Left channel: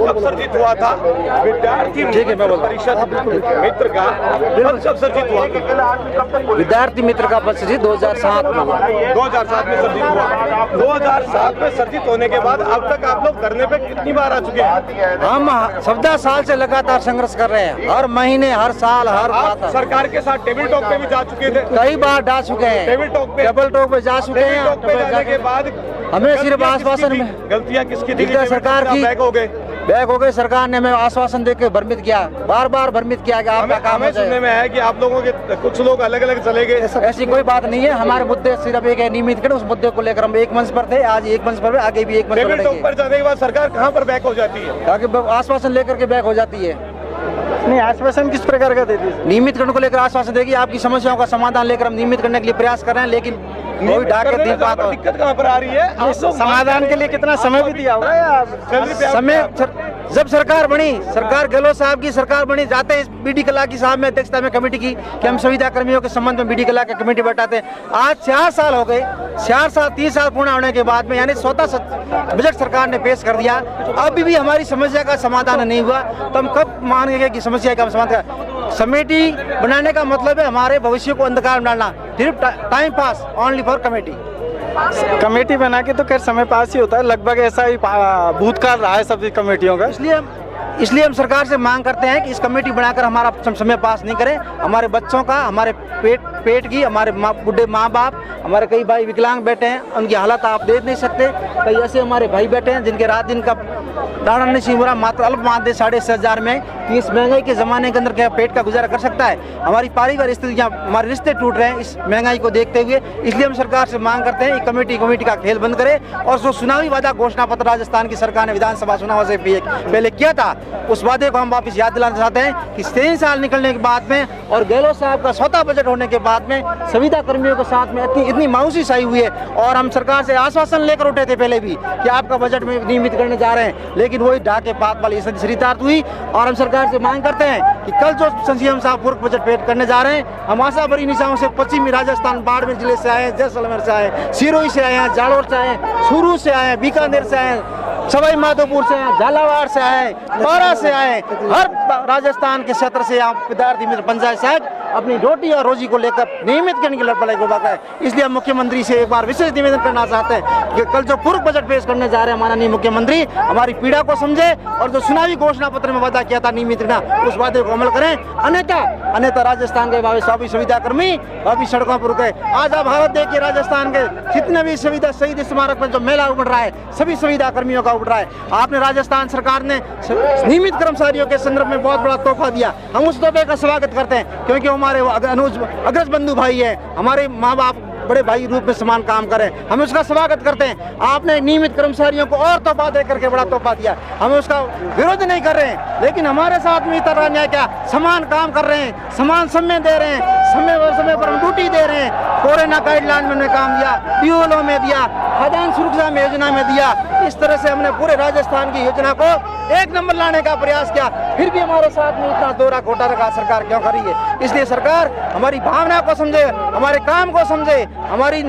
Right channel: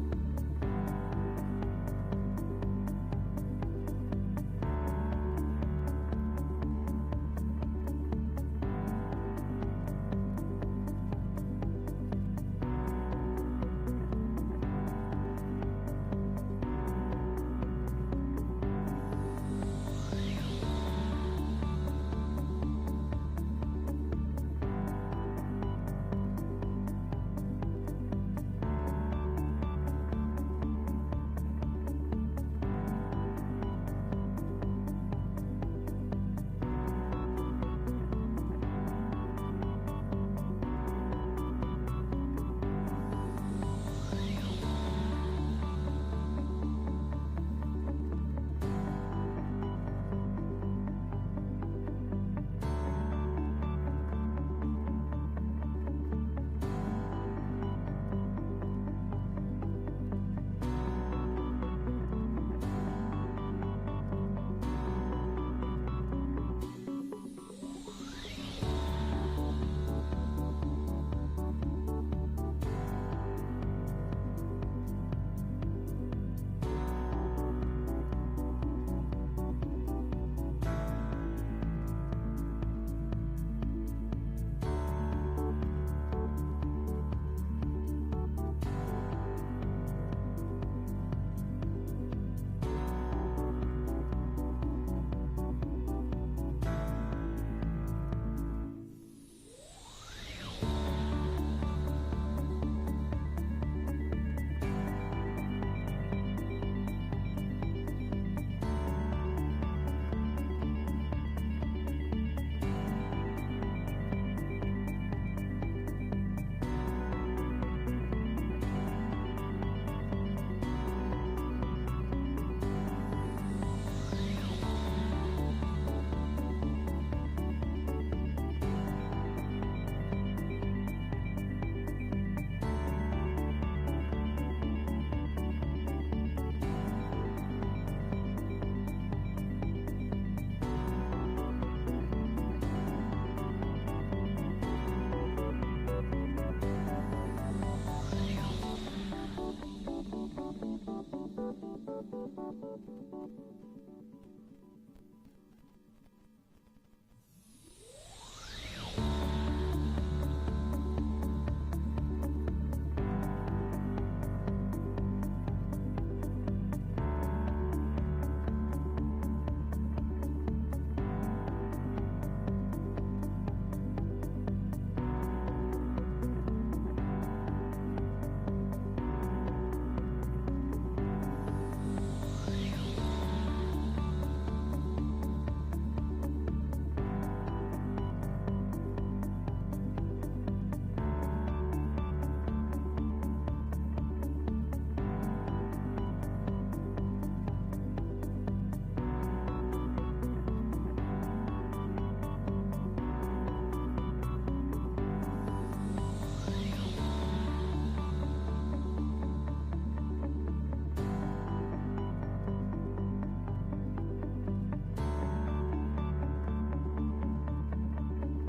कब सर्जित हुआ था विद्यार्थी परिषद मित्र का, कब सर्जित हुआ? विद्यार्थी मित्र का पद सर्जित 2007 में हुआ। 2007 में सर्जित हुआ। 2007 में सर्जित होने के बाद अब तक आप लोग धरने पे कितनी बार आ चुके हैं? हम 14 साल से लगातार संघर्ष कर रहे हैं, हर महीने, हर साल, हर आप सरकार के साथ टेबल टॉक पे भी जा चुके थे? कई बार जा चुके हैं, टेबल टॉक पे जा चुके हैं। टेबल टॉक पे जाने के बाद हमें सिर्फ आश्वासन में गलतियां किसकी थी? सरकार की बैक हो गए। सरकार ने हमें आश्वासन देकर भ्रमित किया, बार भ्रमित किया कि आपका काम हो सुनने में है कि आप लोगों के कुछ लोग अलग अलग चले गए। ऐसी कोई बात नहीं है। हमारे मुद्दे सिर्फ एक है, नियमित कर, उस मुद्दे को लेकर हम एक मंच पर थे, आज एक मंच पर, आगे भी एक मंच टेबल टॉक पर जाने के बाद सरकार कहां पर बैक हो जाती है? ताकि आश्वासन लेकर के बैक हो जाती है। नहीं, आश्वासन किस प्रकार का देती है? नियमित करने को लेकर आश्वासन देगी, आपकी समस्याओं का समाधान लेकर हम नियमित करने के लिए प्रयास कर रहे हैं, लेकिन कोई ढाके दिन बात। दिक्कत कहां पर आ रही है? समाधान के लिए कितना समय भी दिया होगा या समय? जब सरकार बनी, सरकार गहलोत साहब की सरकार बनी, जाते इस बीडी कला की साहब में अध्यक्षता में कमेटी की कि हम संविदा कर्मियों के संबंध में बीडी कला की कमेटी बैठाते हैं। आज 4 साल हो गए, 3 साल पूर्ण होने के बाद में, यानी 14 बजट सरकार ने पेश कर दिया, अभी भी हमारी समस्या का समाधान नहीं हुआ, तो हम कब मानेंगे कि समस्या का समाधान? कमेटी बनाने का मतलब है हमारे भविष्य को अंधकार में डालना, सिर्फ time pass, only for committee. Committee बना के तो खैर समय पास ही होता है, लगभग ऐसा ही भूतकाल रहा है सभी कमेटियों का। इसलिए हम सरकार से मांग करते हैं कि इस कमेटी बनाकर हमारा समय पास नहीं करें, हमारे बच्चों का, हमारे पेट की, हमारे बुढ़े माँ बाप, हमारे कई भाई विकलांग बैठे हैं, उनकी हालत आप देख नहीं सकते। कई ऐसे हमारे भाई बैठे हैं जिनके रात दिन का दाना नहीं हो रहा, मात्र अल्प मानदेय 6,500 में, कि इस महंगाई के ज़माने के अंदर क्या पेट का गुजारा कर सकता है? हमारी पारिवारिक स्थितियाँ, हमारे रिश्ते टूट रहे हैं इस महंगाई को देखते हुए। इसलिए हम सरकार से मांग करते हैं कमेटी का खेल बंद करे, और जो चुनावी वादा घोषणा पत्र राजस्थान की सरकार ने विधानसभा चुनाव से पहले किया था, उस वादे को हम वापस याद दिलाना चाहते हैं कि 3 साल निकलने के बाद में और गहलोत साहब का स्वतः बजट होने के बाद में संविदा कर्मियों के साथ में इतनी मायूसी छाई हुई है, और हम सरकार से आश्वासन लेकर उठे थे पहले भी कि आपका बजट में नियमित करने जा रहे हैं, लेकिन वही ढाके पात वाली शरीतार्थ हुई। और हम सरकार से मांग करते हैं कि कल जो सीएम साहब पूर्व बजट पेश करने जा रहे हैं, हम आशा भरी निशाओं से पश्चिमी राजस्थान, बाड़मेर जिले से आए, जैसलमेर से आए, सिरोही से आए हैं, जालोर से आए, चूरू से आए, बीकानेर से आए, सवाई माधोपुर से आए, झालावाड़ से आए, बारा से आए, हर राजस्थान के क्षेत्र से यहाँ विद्यार्थी मित्र पंचायत साहब अपनी रोटी और रोजी को लेकर नियमित करने की लड़ाई को बाका है। इसलिए हम मुख्यमंत्री से एक बार विशेष निवेदन करना चाहते हैं कि कल जो पूर्व बजट पेश करने जा रहे हैं माननीय मुख्यमंत्री, हमारी पीड़ा को समझे, और जो चुनावी घोषणा पत्र में वादा किया था नियमित करना, उस वादे को अमल करें। अन्यथा राजस्थान के सभी सुविधा कर्मी अभी सड़कों पर रुके। आज आप हालत देखिए, राजस्थान के जितने भी सुविधा शहीद स्मारक में जो मेला उमड़ रहा है, सभी सुविधा कर्मियों का उमड़ रहा है। आपने राजस्थान सरकार ने नियमित कर्मचारियों के संदर्भ में बहुत बड़ा तोहफा दिया, हम उस तोहफे का स्वागत करते हैं, क्योंकि हमारे अग्रज बंधु भाई है, हमारे माँ बाप बड़े भाई रूप में समान काम करें, हम उसका स्वागत करते हैं। आपने नियमित कर्मचारियों को और तोहफा दे करके बड़ा तोहफा दिया, हम उसका विरोध नहीं कर रहे हैं, लेकिन हमारे साथ में इतना अन्याय क्या? समान काम कर रहे हैं, समान समय दे रहे हैं, समय पर हम ड्यूटी दे रहे हैं, कोरोना गाइडलाइन में हमने काम दिया, पीओलो में दिया, खाद्यान्न सुरक्षा योजना में दिया। इस तरह से हमने पूरे राजस्थान की योजना को 1 नंबर लाने का प्रयास किया, फिर भी हमारे साथ में इतना दोहरा घोटा रखा सरकार क्यों कर रही है? इसलिए सरकार हमारी भावना को समझे, हमारे काम को समझे, हमारी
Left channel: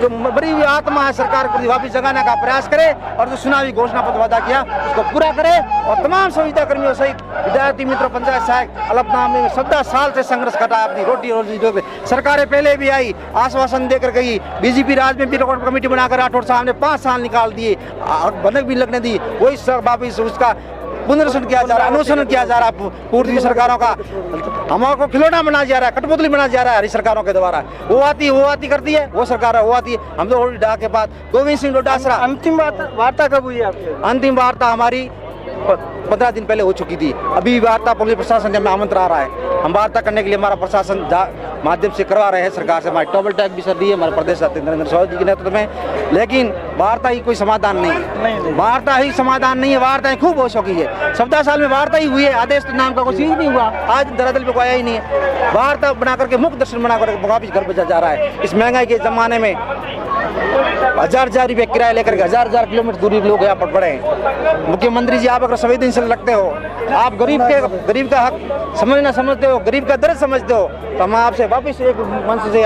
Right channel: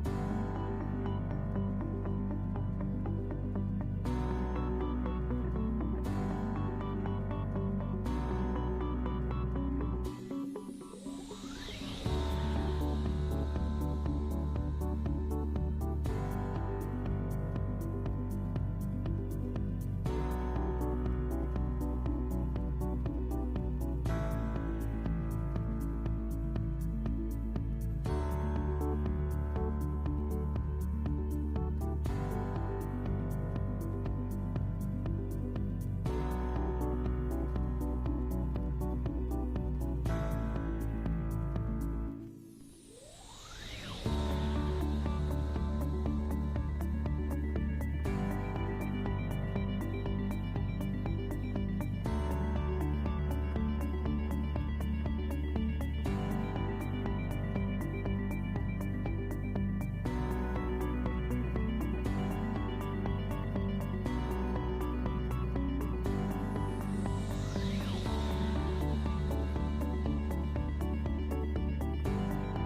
जो बड़ी हुई आत्मा है सरकार को वापस जगाने का प्रयास करे, और जो चुनावी घोषणा पत्र वादा किया उसको पूरा करे, और तमाम सुविधा कर्मियों सहित विद्यार्थी मित्र पंचायत सहायक अलपनाम में 14 साल से संघर्ष कर रहा है अपनी रोटी रोजी। सरकारें पहले भी आई, आश्वासन देकर गई, बीजेपी राज में भी कमेटी बनाकर राठौड़ साहब ने 5 साल निकाल दिए, भनक भी लगने दी, वही वापिस उसका पुनर्सरण किया जा रहा है, अनुसरण किया जा रहा है पूर्वी सरकारों का, हमारे खिलौना बनाया जा रहा है, कठपुतली बनाया जा रहा है हरी सरकारों के द्वारा। वो आती करती है, वो सरकार है वो आती है। हम तो डा के बाद गोविंद सिंह डोटासरा। अंतिम वार्ता कब हुई आपकी? अंतिम वार्ता हमारी 15 दिन पहले हो चुकी थी। अभी वार्ता पुलिस प्रशासन से हमें आमंत्रण आ रहा है, हम वार्ता करने के लिए हमारा प्रशासन माध्यम से करवा रहे हैं सरकार से। हमारी डबल टैग भी सर दी है हमारे प्रदेश अध्यक्ष नरेंद्र सौदी जी के नेतृत्व में, लेकिन वार्ता ही कोई समाधान नहीं, वार्ता ही समाधान नहीं है। वार्ताएं खूब हो चुकी है, 14 साल में वार्ता ही हुई है, आदेश तो नाम का कुछ ही नहीं हुआ, आज दरअसल पे कोई आया ही नहीं है। वार्ता बना करके मुख्य दर्शन बना करके वापिस घर भेजा जा रहा है। इस महंगाई के जमाने में 1000 रुपये किराया लेकर के 1000 किलोमीटर दूरी लोग यहाँ पर पड़े हैं। मुख्यमंत्री जी, आप अगर संवेदनशील रखते हो, आप गरीब का हक समझते हो, गरीब का दर्द समझते हो, तो हम आपसे वापिस एक मंच से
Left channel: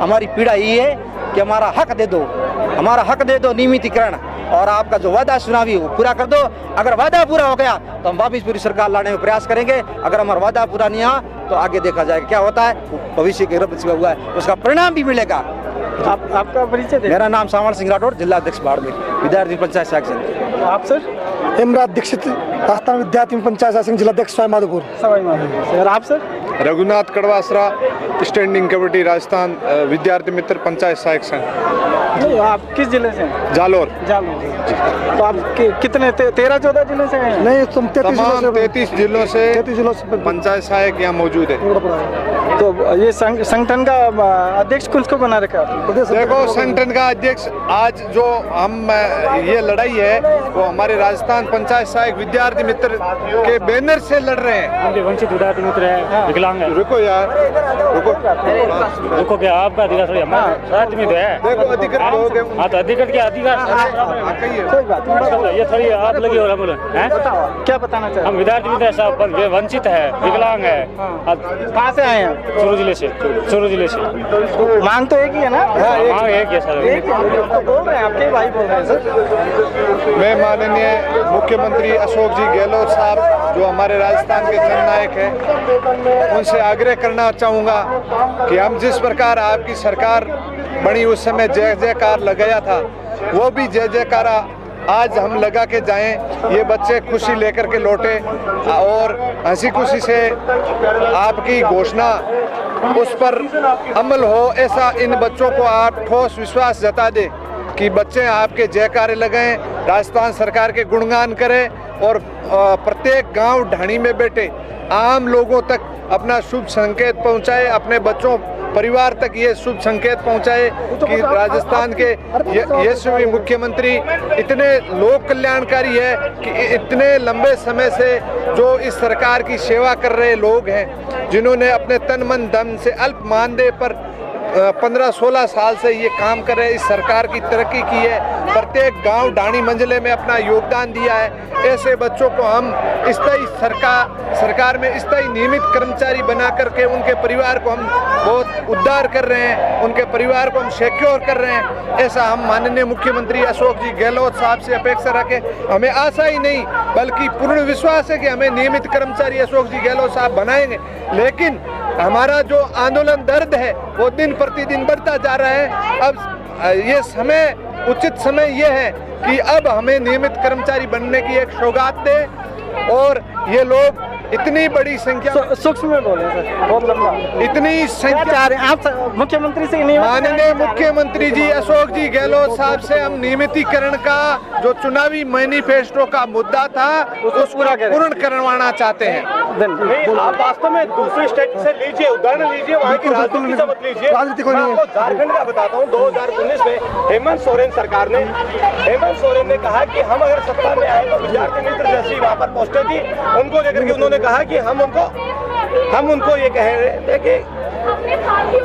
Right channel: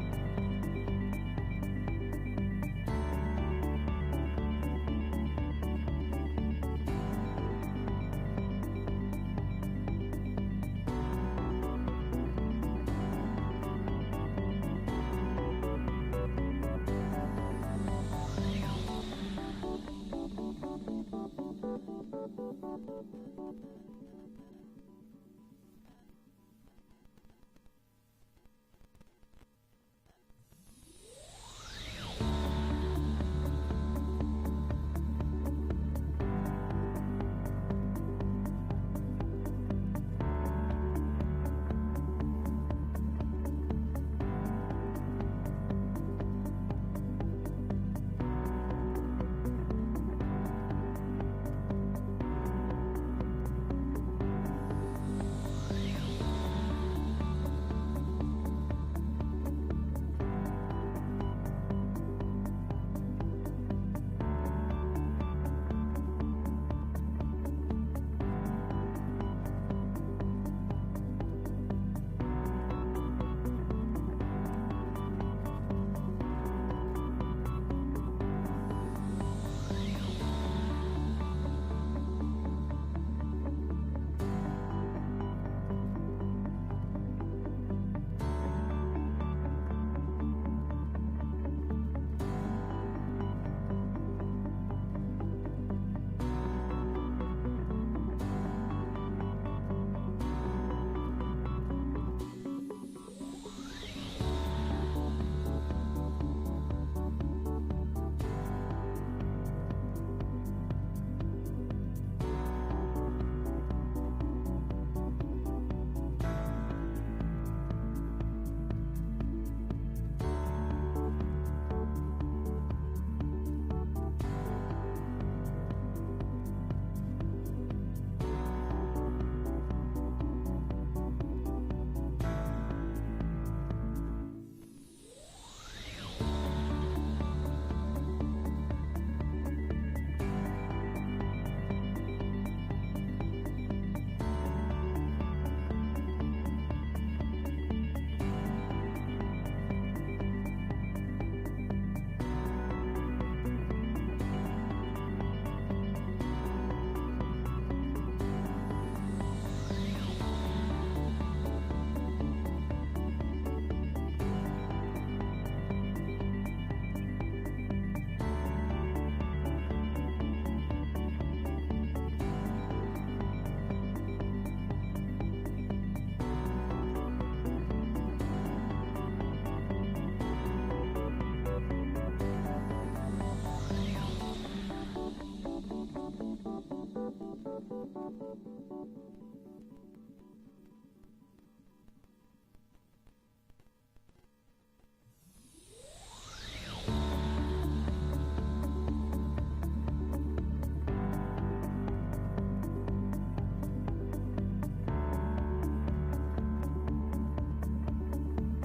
हमारी पीड़ा ये है कि कि हमारा हक दे दो, हमारा हक दे दो नियमितीकरण, और आपका जो वादा चुनावी वो पूरा कर दो। अगर वादा पूरा हो गया तो हम वापिस पूरी सरकार लाने में प्रयास करेंगे। अगर हमारा वादा पूरा नहीं हुआ तो आगे देखा जाएगा क्या होता है। भविष्य के रब हुआ है उसका परिणाम भी मिलेगा। आपका परिचय दें। मेरा नाम सावण सिंह राठौड़, जिला अध्यक्ष बाड़मेर, विद्यार्थी पंचायत सहायक संघ। आप सर? हेमराज दीक्षित, राजस्थान विद्यार्थी पंचायत सहायक संघ, जिला अध्यक्ष सवाई माधोपुर। सवाई माधोपुर से। और आप sir? Raghunath Kadwasara, standing committee Rajasthan Vidyarthi Mitra panchayat सहायक संघ। नहीं, आप किस जिले से हैं? जालोर। तो आप कितने 13-14 जिले से हैं? नहीं, तुम 33 तमाम 33 जिलों से 33 जिलों से पंचायत सहायक यहाँ मौजूद है। तो ये संगठन का अध्यक्ष किसको बना रखा है? देखो, संगठन का अध्यक्ष आज जो हम ये लड़ाई है वो हमारे राजस्थान पंचायत सहायक विद्यार्थी मित्र के बैनर से लड़ रहे हैं। वंचित विद्यार्थी मित्र है, विकलांग है। रुको यार, रुको, क्या आपका अधिकार थोड़ी हमारा राज्य में तो है। देखो अधिकृत लोग हैं। हाँ, तो अधिकृत क्या अधिकार ये थोड़ी आप लगी हो रहा है। क्या बताना चाहते हम विद्यार्थी मित्र है साहब, वंचित है, विकलांग है। कहाँ से आए हैं? चूरू जिले से। चूरू जिले से। मांग तो एक ही है ना? हाँ, एक है सर। एक है। बोल रहे हैं, आपके भाई बोल रहे हैं सर। मैं माननीय मुख्यमंत्री अशोक जी गहलोत साहब जो हमारे राजस्थान के जननायक हैं, उनसे आग्रह करना चाहूँगा कि हम जिस प्रकार आपकी सरकार बनी उस समय जय जयकार लगाया था, वो भी जय जयकारा आज हम लगा के जाएं। ये बच्चे खुशी लेकर के लौटे और हंसी खुशी से आपकी घोषणा उस पर अमल हो, ऐसा इन बच्चों को आप ठोस विश्वास जता दें कि बच्चे आपके जयकारे लगाएं, राजस्थान सरकार के गुणगान करें और प्रत्येक गांव ढाणी में बैठे आम लोगों तक अपना शुभ संकेत पहुंचाए, अपने बच्चों परिवार तक ये शुभ संकेत पहुंचाए कि राजस्थान के यशस्वी मुख्यमंत्री इतने लोक कल्याणकारी है कि इतने लंबे समय से जो इस सरकार की सेवा कर रहे लोग हैं, जिन्होंने अपने तन मन धन से अल्प मानदेय पर 15-16 साल से ये काम कर रहे हैं, इस सरकार की तरक्की की है, प्रत्येक गांव ढाणी मंजिले में अपना योगदान दिया है। ऐसे बच्चों को हम स्थायी सरकार में स्थायी नियमित कर्मचारी बना करके उनके परिवार को हम बहुत उद्धार कर रहे हैं, उनके परिवार को हम सिक्योर कर रहे हैं। ऐसा हम माननीय मुख्यमंत्री अशोक जी गहलोत साहब से अपेक्षा रखें। हमें आशा ही नहीं बल्कि पूर्ण विश्वास है कि हमें नियमित कर्मचारी अशोक जी गहलोत साहब बनाएंगे। लेकिन हमारा जो आंदोलन दर्द है वो दिन प्रतिदिन बढ़ता जा रहा है। अब ये समय, उचित समय ये है कि अब हमें नियमित कर्मचारी बनने की एक सौगात दे और ये लोग इतनी बड़ी संख्या सूक्ष्म में बोले सर, बहुत लंबा। इतनी संख्या आप मुख्यमंत्री से नहीं? माननीय मुख्यमंत्री जी अशोक जी गहलोत साहब से हम नियमितीकरण का जो चुनावी मैनिफेस्टो का मुद्दा था उसको पूर्ण करवाना चाहते हैं। नहीं, आप वास्तव में दूसरे स्टेट से लीजिए, उदाहरण लीजिए, वहाँ की राजनीति से मत लीजिए। राजनीति कोई मैं नहीं है। आपको झारखंड का बताता हूँ, 2019 में हेमंत सोरेन सरकार ने, हेमंत सोरेन ने कहा कि हम अगर सत्ता में आए तो विद्यार्थी मित्र जैसी वहाँ पर पोस्टें थी, उनको लेकर के उन्होंने कहा कि हम उनको ये कह रहे थे कि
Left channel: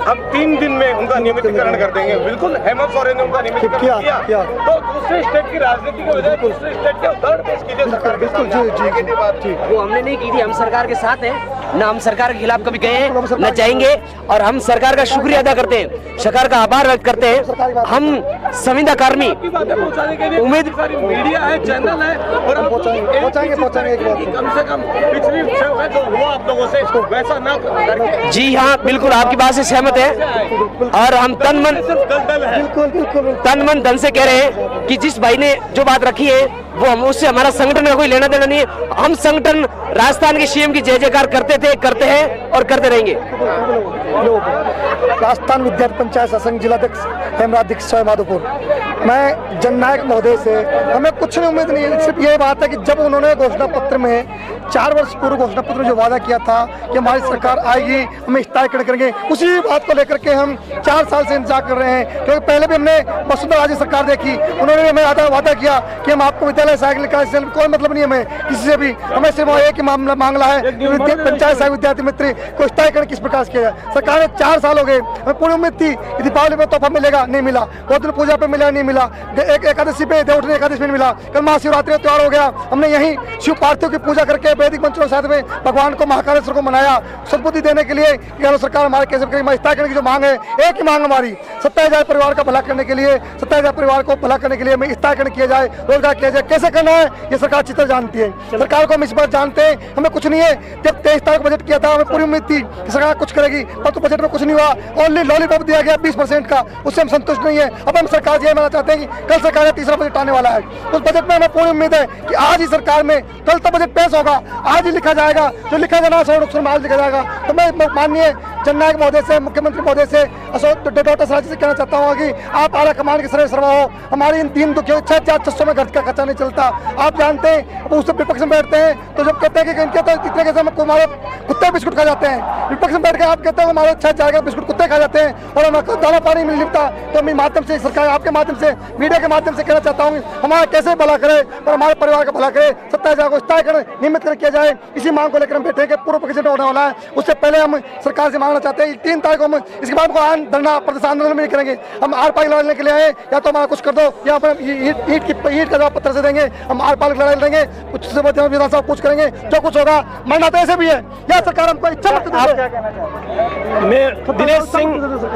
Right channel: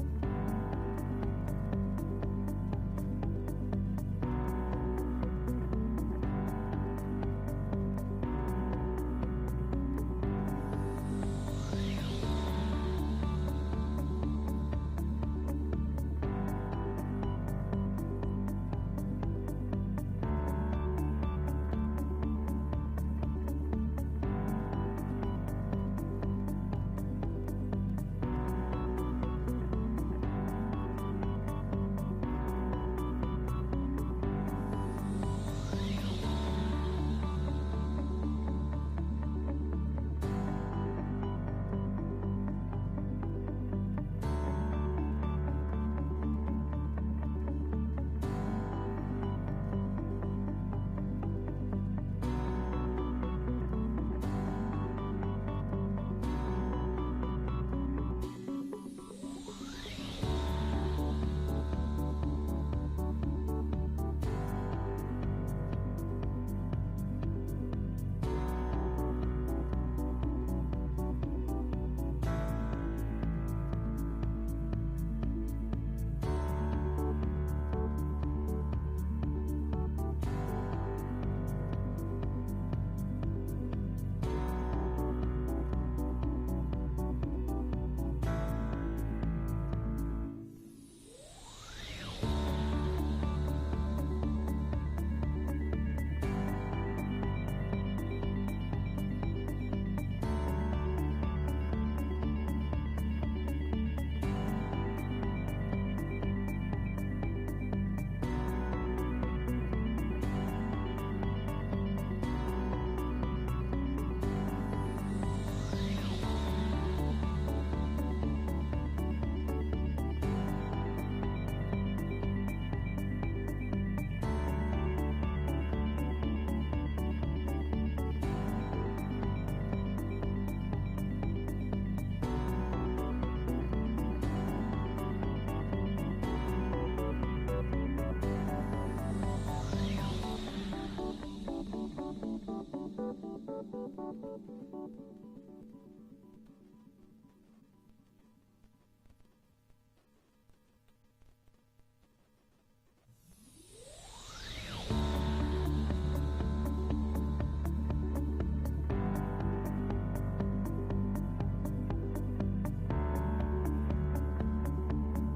हम 3 दिन में उनका नियमितीकरण कर देंगे। बिल्कुल हेमंत सोरेन ने उनका नियमितीकरण किया। तो दूसरे स्टेट की राजनीति के बजाय दूसरे स्टेट के उदाहरण पेश कीजिए सरकार के सामने। वो हमने नहीं की थी, हम सरकार के साथ हैं, ना हम सरकार के खिलाफ कभी गए हैं न चाहेंगे, और हम सरकार का शुक्रिया अदा करते हैं, सरकार का आभार व्यक्त करते हैं। हम संविदा कर्मी उम्मीद मीडिया है, चैनल है, और पहुंचाएंगे कम से कम पिछली जो हुआ आप लोगों से वैसा ना करके। जी हाँ, बिल्कुल आपकी बात से सहमत है, और हम तन मन धन से कह रहे हैं कि जिस भाई ने जो बात रखी है वो हम उससे हमारा संगठन का कोई लेना देना नहीं है। हम संगठन राजस्थान के सीएम की जय जयकार करते थे, करते हैं और करते रहेंगे। राजस्थान विद्यार्थी पंचायत सहायक संघ, जिला अध्यक्ष हेमराज दीक्षित, सवाई माधोपुर। मैं जननायक महोदय से हमें कुछ नहीं उम्मीद नहीं, सिर्फ ये बात है कि जब उन्होंने घोषणा पत्र में 4 वर्ष पूर्व घोषणा पत्र में जो वादा किया था कि हमारी सरकार आएगी, हम स्थायीकरण करेंगे, उसी बात को लेकर के हम 4 साल से इंतजार कर रहे हैं। क्योंकि पहले भी हमने वसुंधरा राजे सरकार देखी, उन्होंने हमें वादा किया कि हम आपको विद्यालय साइकिल का कोई मतलब नहीं, हमें किसी से भी, हमें सिर्फ एक ही मामला है, पंचायत सहायक विद्यार्थी मित्र को स्थायीकरण किस प्रकार किया जाए। सरकार ने 4 साल हो दोगे। हमें पूरी उम्मीद थी कि दीपावली पे तोहफा मिलेगा, नहीं मिला। गोवर्धन पूजा पे मिला, नहीं मिला। एक एकादशी पे, देवउठनी एकादशी पे मिला। कल महाशिवरात्रि त्योहार हो गया, हमने यहीं शिव पार्थिव की पूजा करके वैदिक मंत्रों के साथ में भगवान को महाकालेश्वर को मनाया, सद्बुद्धि देने के लिए। गहलोत सरकार हमारे कैसे करने की जो मांग है, एक ही मांग हमारी 27,000 परिवार का भला करने के लिए, 27,000 परिवार को भला करने के लिए हमें स्थायीकरण किया जाए, रोजगार किया जाए। कैसे करना है ये सरकार अच्छी तरह जानती है। सरकार को हम इस बार जानते हैं, हमें कुछ नहीं है। जब 23 तारीख को बजट किया था, हमें पूरी उम्मीद थी कि सरकार कुछ करेगी, पर तो बजट में कुछ नहीं हुआ। ओनली लॉलीपॉप दिया गया 20% का, उससे हम संतुष्ट नहीं है। अब हम सरकार से ये मानना चाहते हैं कि कल सरकार का तीसरा बजट आने वाला है, उस बजट में हमें पूरी उम्मीद है कि आज ही सरकार में कल तक बजट पेश होगा, आज ही लिखा जाएगा, जो लिखा जाना है लिखा जाएगा। तो मैं माननीय जननायक महोदय से, मुख्यमंत्री महोदय से, अशोक डॉक्टर सराज से कहना चाहता हूँ कि आप आला कमान के सर्वे सर्वा हो। हमारी इन 3 दुखियों 6,600 में घर का खर्चा नहीं चलता। आप जानते हैं, उससे विपक्ष में बैठते हैं तो जब कहते हैं कि इनके तो इतने कैसे हमारे कुत्ते बिस्कुट खा जाते हैं, विपक्ष में बैठ के आप कहते हैं हमारे 6,000 का बिस्कुट कुत्ते खा जाते हैं और हमारा दाना पानी नहीं मिलता। तो मैं माध्यम से सरकार, आपके माध्यम से, मीडिया के माध्यम से कहना चाहता हूँ हमारा कैसे भला करे और हमारे परिवार का भला करे। 27,000 को स्थायीकरण नियमित कर किया जाए, इसी मांग को लेकर हम बैठे हैं। पूर्व बजट होने वाला है, उससे पहले हम सरकार से मांगना चाहते हैं 3 तारीख को हम इसके बाद धरना प्रदर्शन आंदोलन नहीं करेंगे। हम आर पार लड़ने के लिए आए, या तो हमारा कुछ कर दो या ईट का जवाब पत्थर से देंगे। हम आर पार लड़ाई लड़ेंगे, कुछ विधानसभा कुछ करेंगे, जो कुछ होगा मरना तो ऐसे भी है। या सरकार हमको इच्छा मत दे। मैं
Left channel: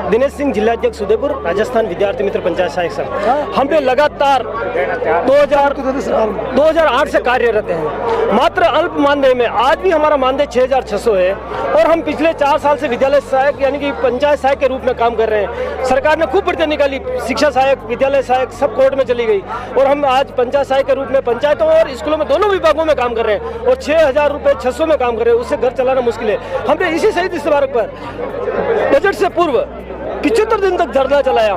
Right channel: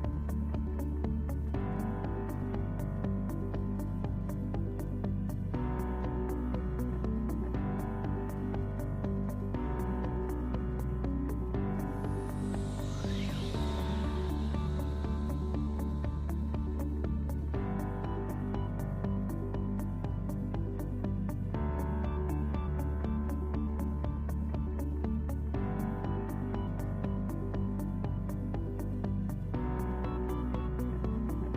दिनेश सिंह जिलाध्यक्ष उदयपुर, राजस्थान विद्यार्थी मित्र पंचायत सहायक संघ। हम पे लगातार 2008 से कार्यरत हैं, मात्र अल्प मानदेय में। आज भी हमारा मानदेय 6,600 है और हम पिछले 4 साल से विद्यालय सहायक यानी कि पंचायत सहायक के रूप में काम कर रहे हैं। सरकार ने खूब भर्तियां निकाली, शिक्षा सहायक, विद्यालय सहायक सब कोर्ट में चली गई और हम आज पंचायत सहायक के रूप में पंचायतों और स्कूलों में दोनों विभागों में काम कर रहे हैं और 6,000 रुपये 600 में काम कर रहे हैं। उससे घर चलाना मुश्किल है। हमने इसी शहीद स्मारक पर बजट से पूर्व 75 दिन तक धरना चलाया।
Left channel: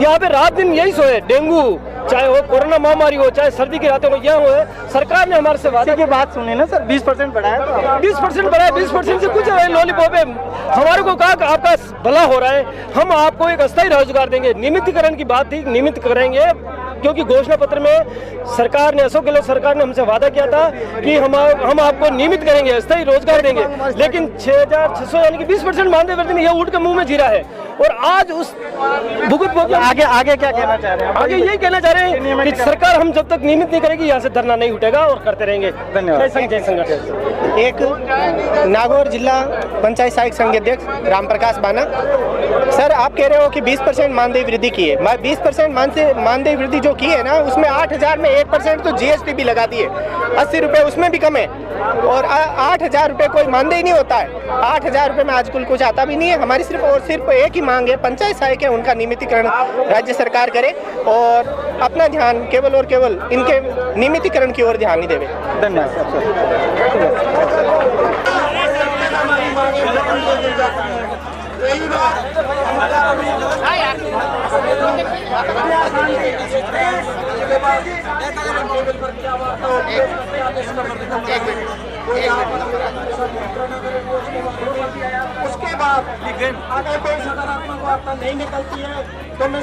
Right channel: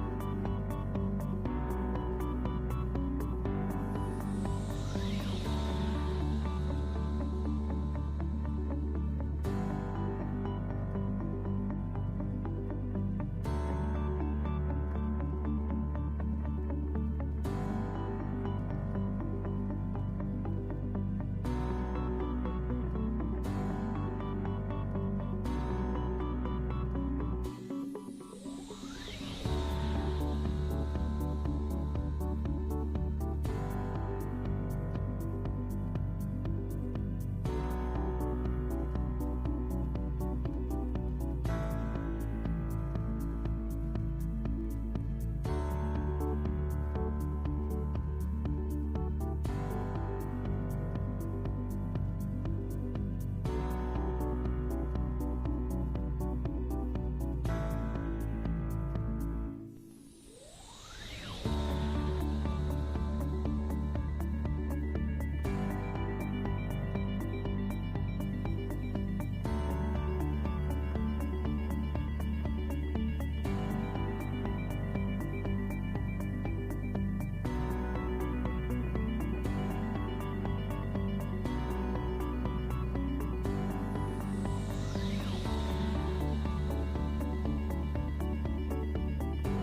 यहाँ पे रात दिन यही सोए, डेंगू चाहे हो, कोरोना महामारी हो, चाहे सर्दी की रातें हो, यह हो। सरकार ने हमारे से वादा की बात सुनी ना सर, 20% बढ़ाया तो 20% बढ़ाया, 20% से कुछ लॉलीपॉप है। हमारे को कहा आपका भला हो रहा है, हम आपको एक अस्थायी रोजगार देंगे। नियमितीकरण की बात थी, नियमित करेंगे, क्योंकि घोषणा पत्र में सरकार ने, अशोक गहलोत सरकार ने हमसे वादा किया था कि हम आपको नियमित करेंगे, अस्थायी रोजगार देंगे। लेकिन 6,600 यानी कि 20% मानदेय वृद्धि में यह उठ के मुंह में जीरा है। और आज उस भुगत आगे क्या कहना चाह रहे हैं? आगे यही कहना चाह रहे हैं कि सरकार हम जब तक नियमित नहीं करेगी, यहाँ से धरना नहीं उठेगा और करते रहेंगे। धन्यवाद। जय संगठन। एक नागौर जिला पंचायत सहायक संघ अध्यक्ष रामप्रकाश बाना। सर, आप कह रहे हो कि 20% मानदेय वृद्धि की है। 20% मानदेय वृद्धि जो की है ना, उसमें 8,000 में 1% तो जीएसटी भी लगा दिए, 80 रुपये उसमें भी कम है और 8,000 रुपये कोई मानदेय नहीं होता है। 8,000 रुपये में आजकल कुछ आता भी नहीं है। हमारी सिर्फ और सिर्फ एक ही मांग है, पंचायत सहायक है उनका नियमितीकरण राज्य सरकार करे और अपना ध्यान केवल और केवल इनके नियमितीकरण की ओर ध्यान ही देवे। उसके बाद अगर कोई सकारात्मक वार्ता नहीं निकलती है तो मैं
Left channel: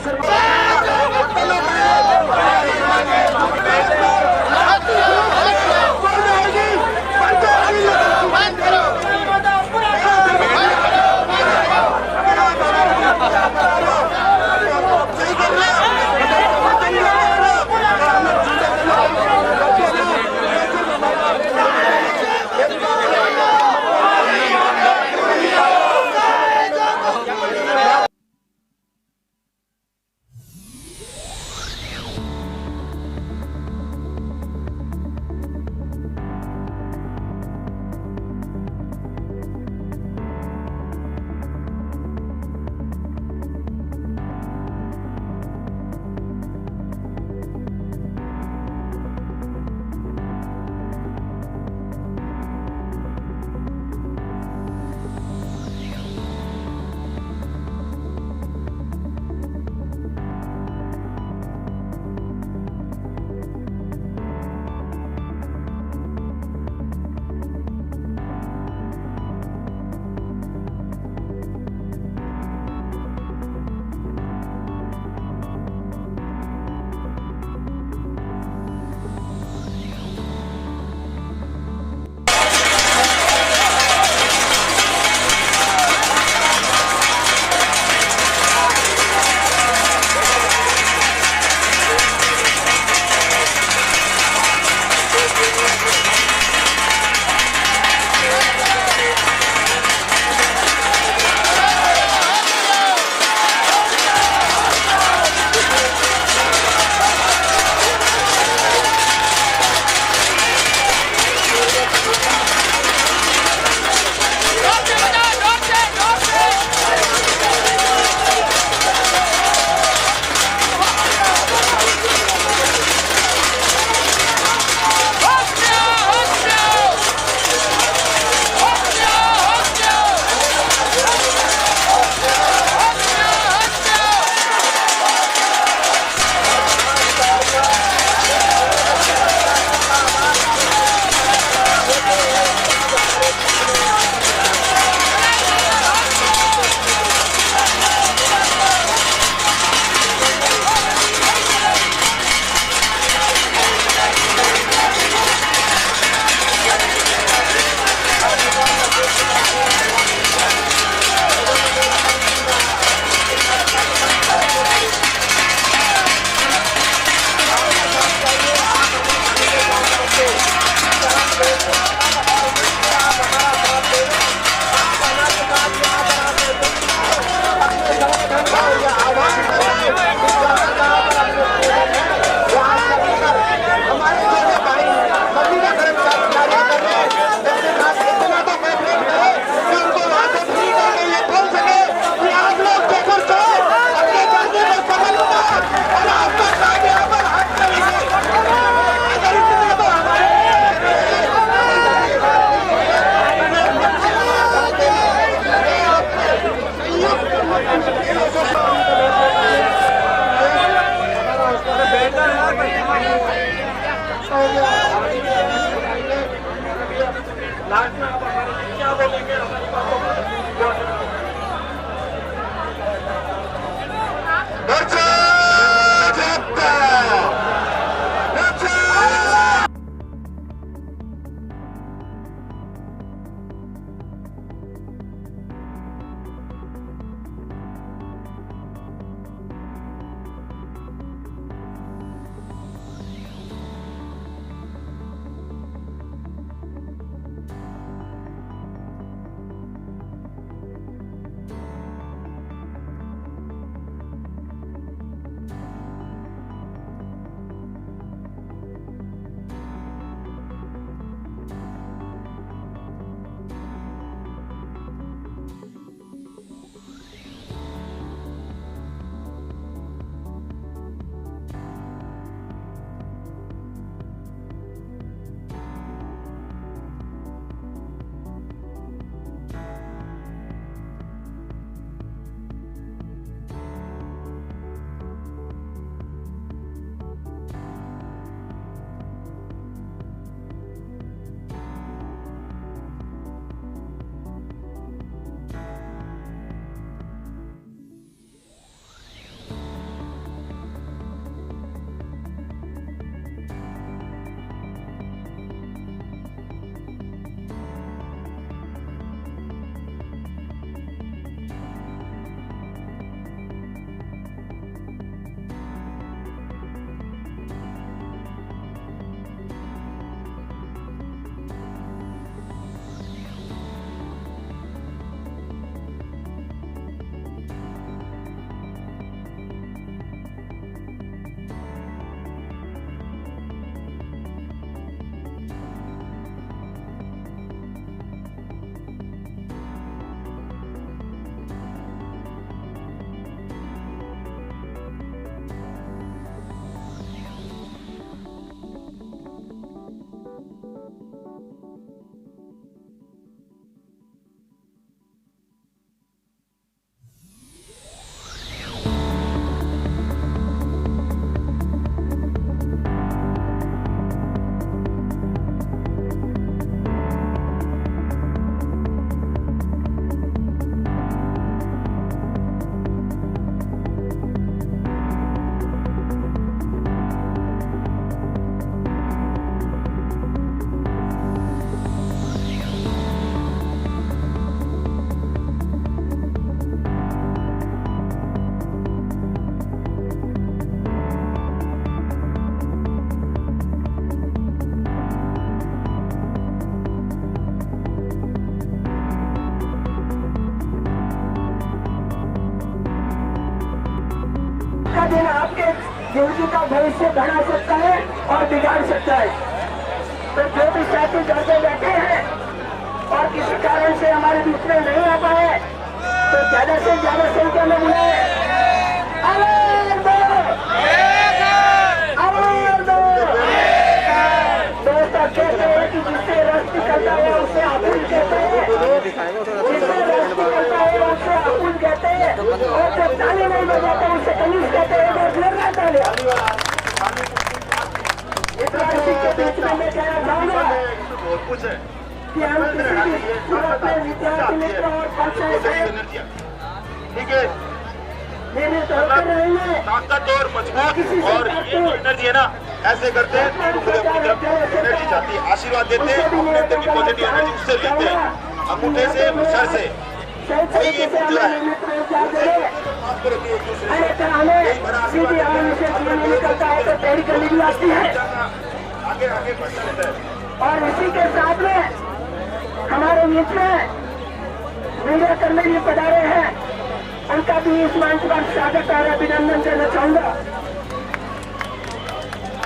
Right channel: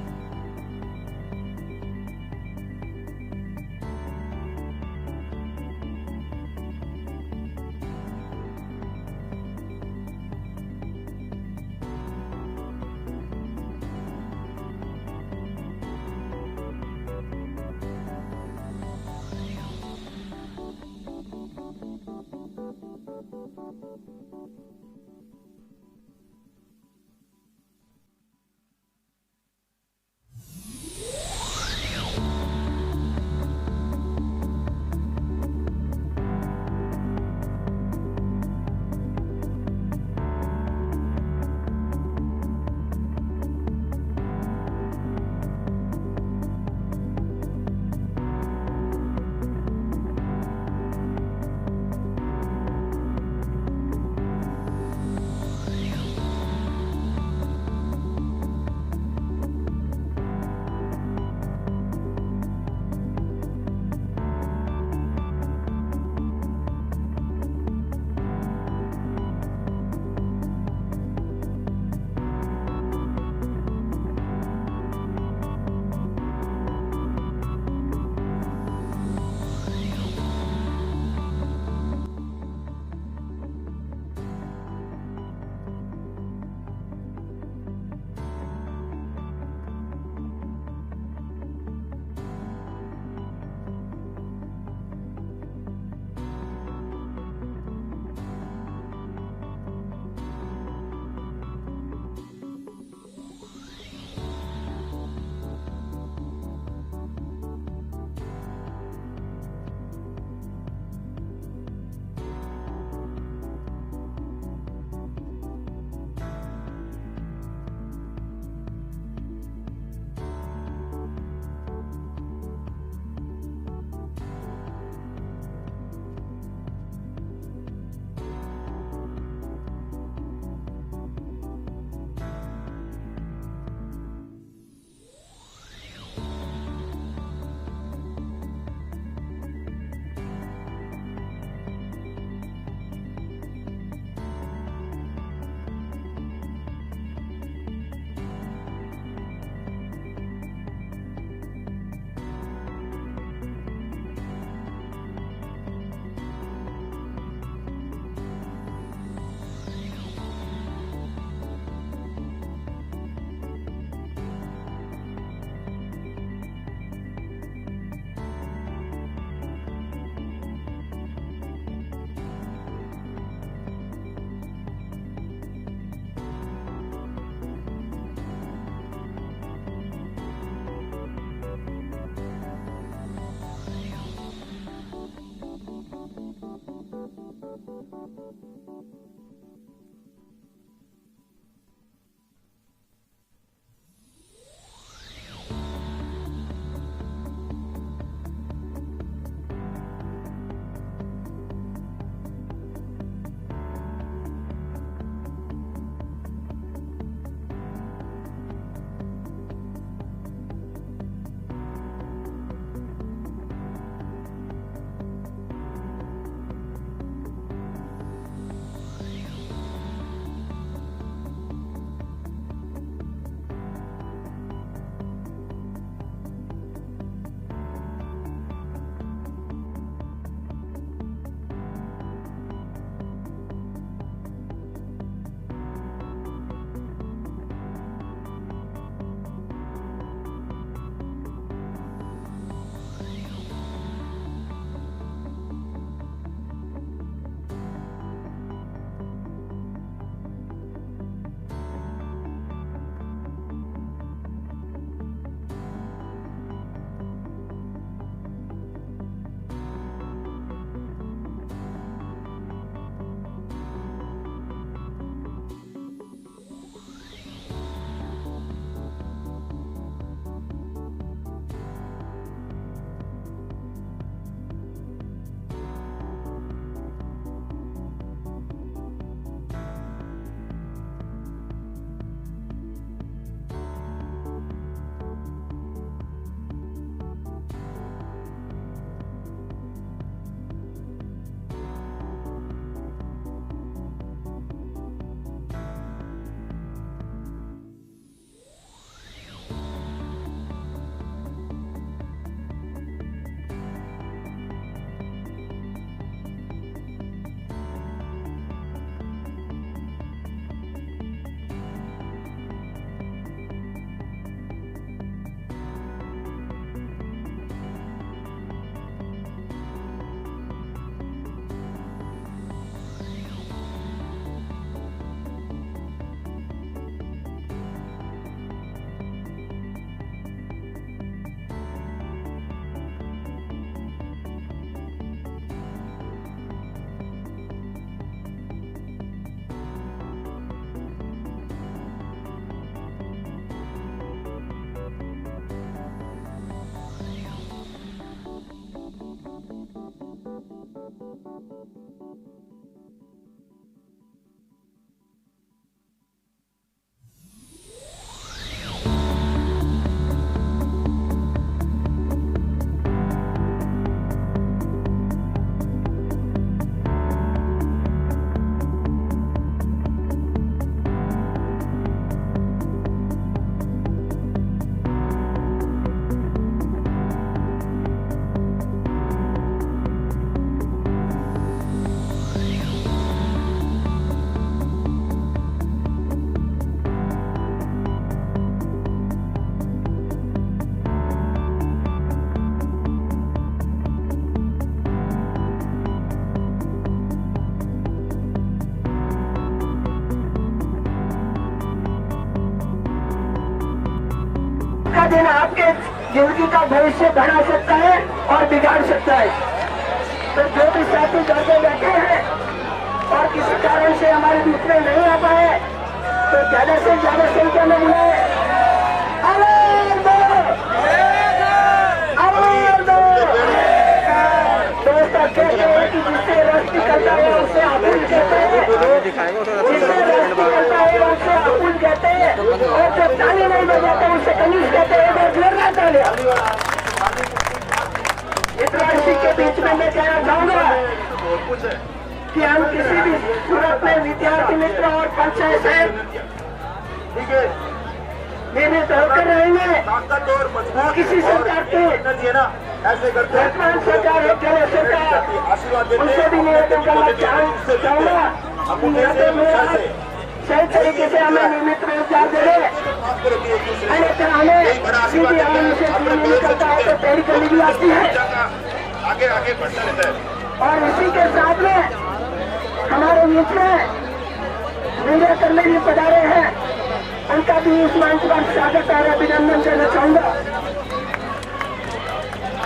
दिन आपके जिंदगी का भविष्य बना सकता है और बिगाड़ सकता है। तो जो भी साथी घर पे बैठे हैं और किसी कारण से हमारे बीच में नहीं आ पाए तो ज्यादा से ज्यादा संख्या में बुलाए। दोस्तों कहते हैं कि जिससे रस निकलता है उसे आपुल कहते हैं, जिससे रस निकलता है उसे आपुल कहते हैं, और जब ताली नहीं बजाते उसे कनीज कहते हैं। और जोरदार तालियां। इस बार इसी के बीच में मैं कहना चाहूंगा कि हम किसी भी सूरत में विद्यार्थी मित्र और पंचायत नियमित होकर रहेंगे। किसी सरकार को ऐसे करते हैं आशीर्वाद देते हैं, अंगूठे से सर से सही तरीके से हमें नियमित रोजगार दे रहे। हमें सीधी आवाम से नहीं निकलता है तो तेरी गली भी आती है। आगे आगे बढ़ता रहता है। और इसी के साथ में हमारे बीच में मीडिया कर्मी भी पधारे हैं, उनका भी इस मंच पर स्वागत और अभिनंदन करना चाहूंगा।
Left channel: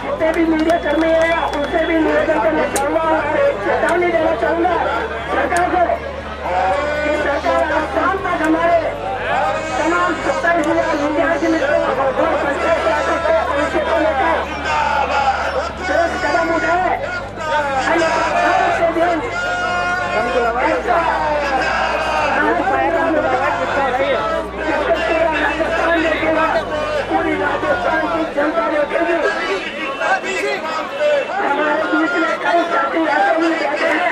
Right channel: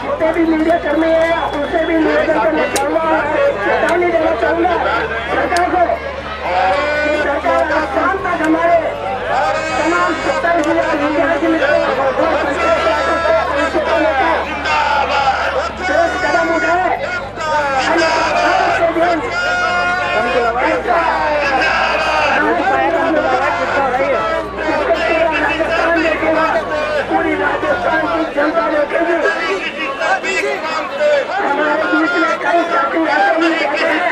जितने भी मीडिया कर्मी हैं उनसे भी निवेदन करना चाहूंगा और एक चेतावनी देना चाहूंगा सरकार को कि सरकार आज शाम तक हमारे तमाम 27,000 विद्यार्थी मित्रों और पंचायत को लेकर ठोस कदम उठाए। पूरी राजस्थान की जनता देखेगी। हमारे बीच में कई साथी ऐसे भी बैठे हैं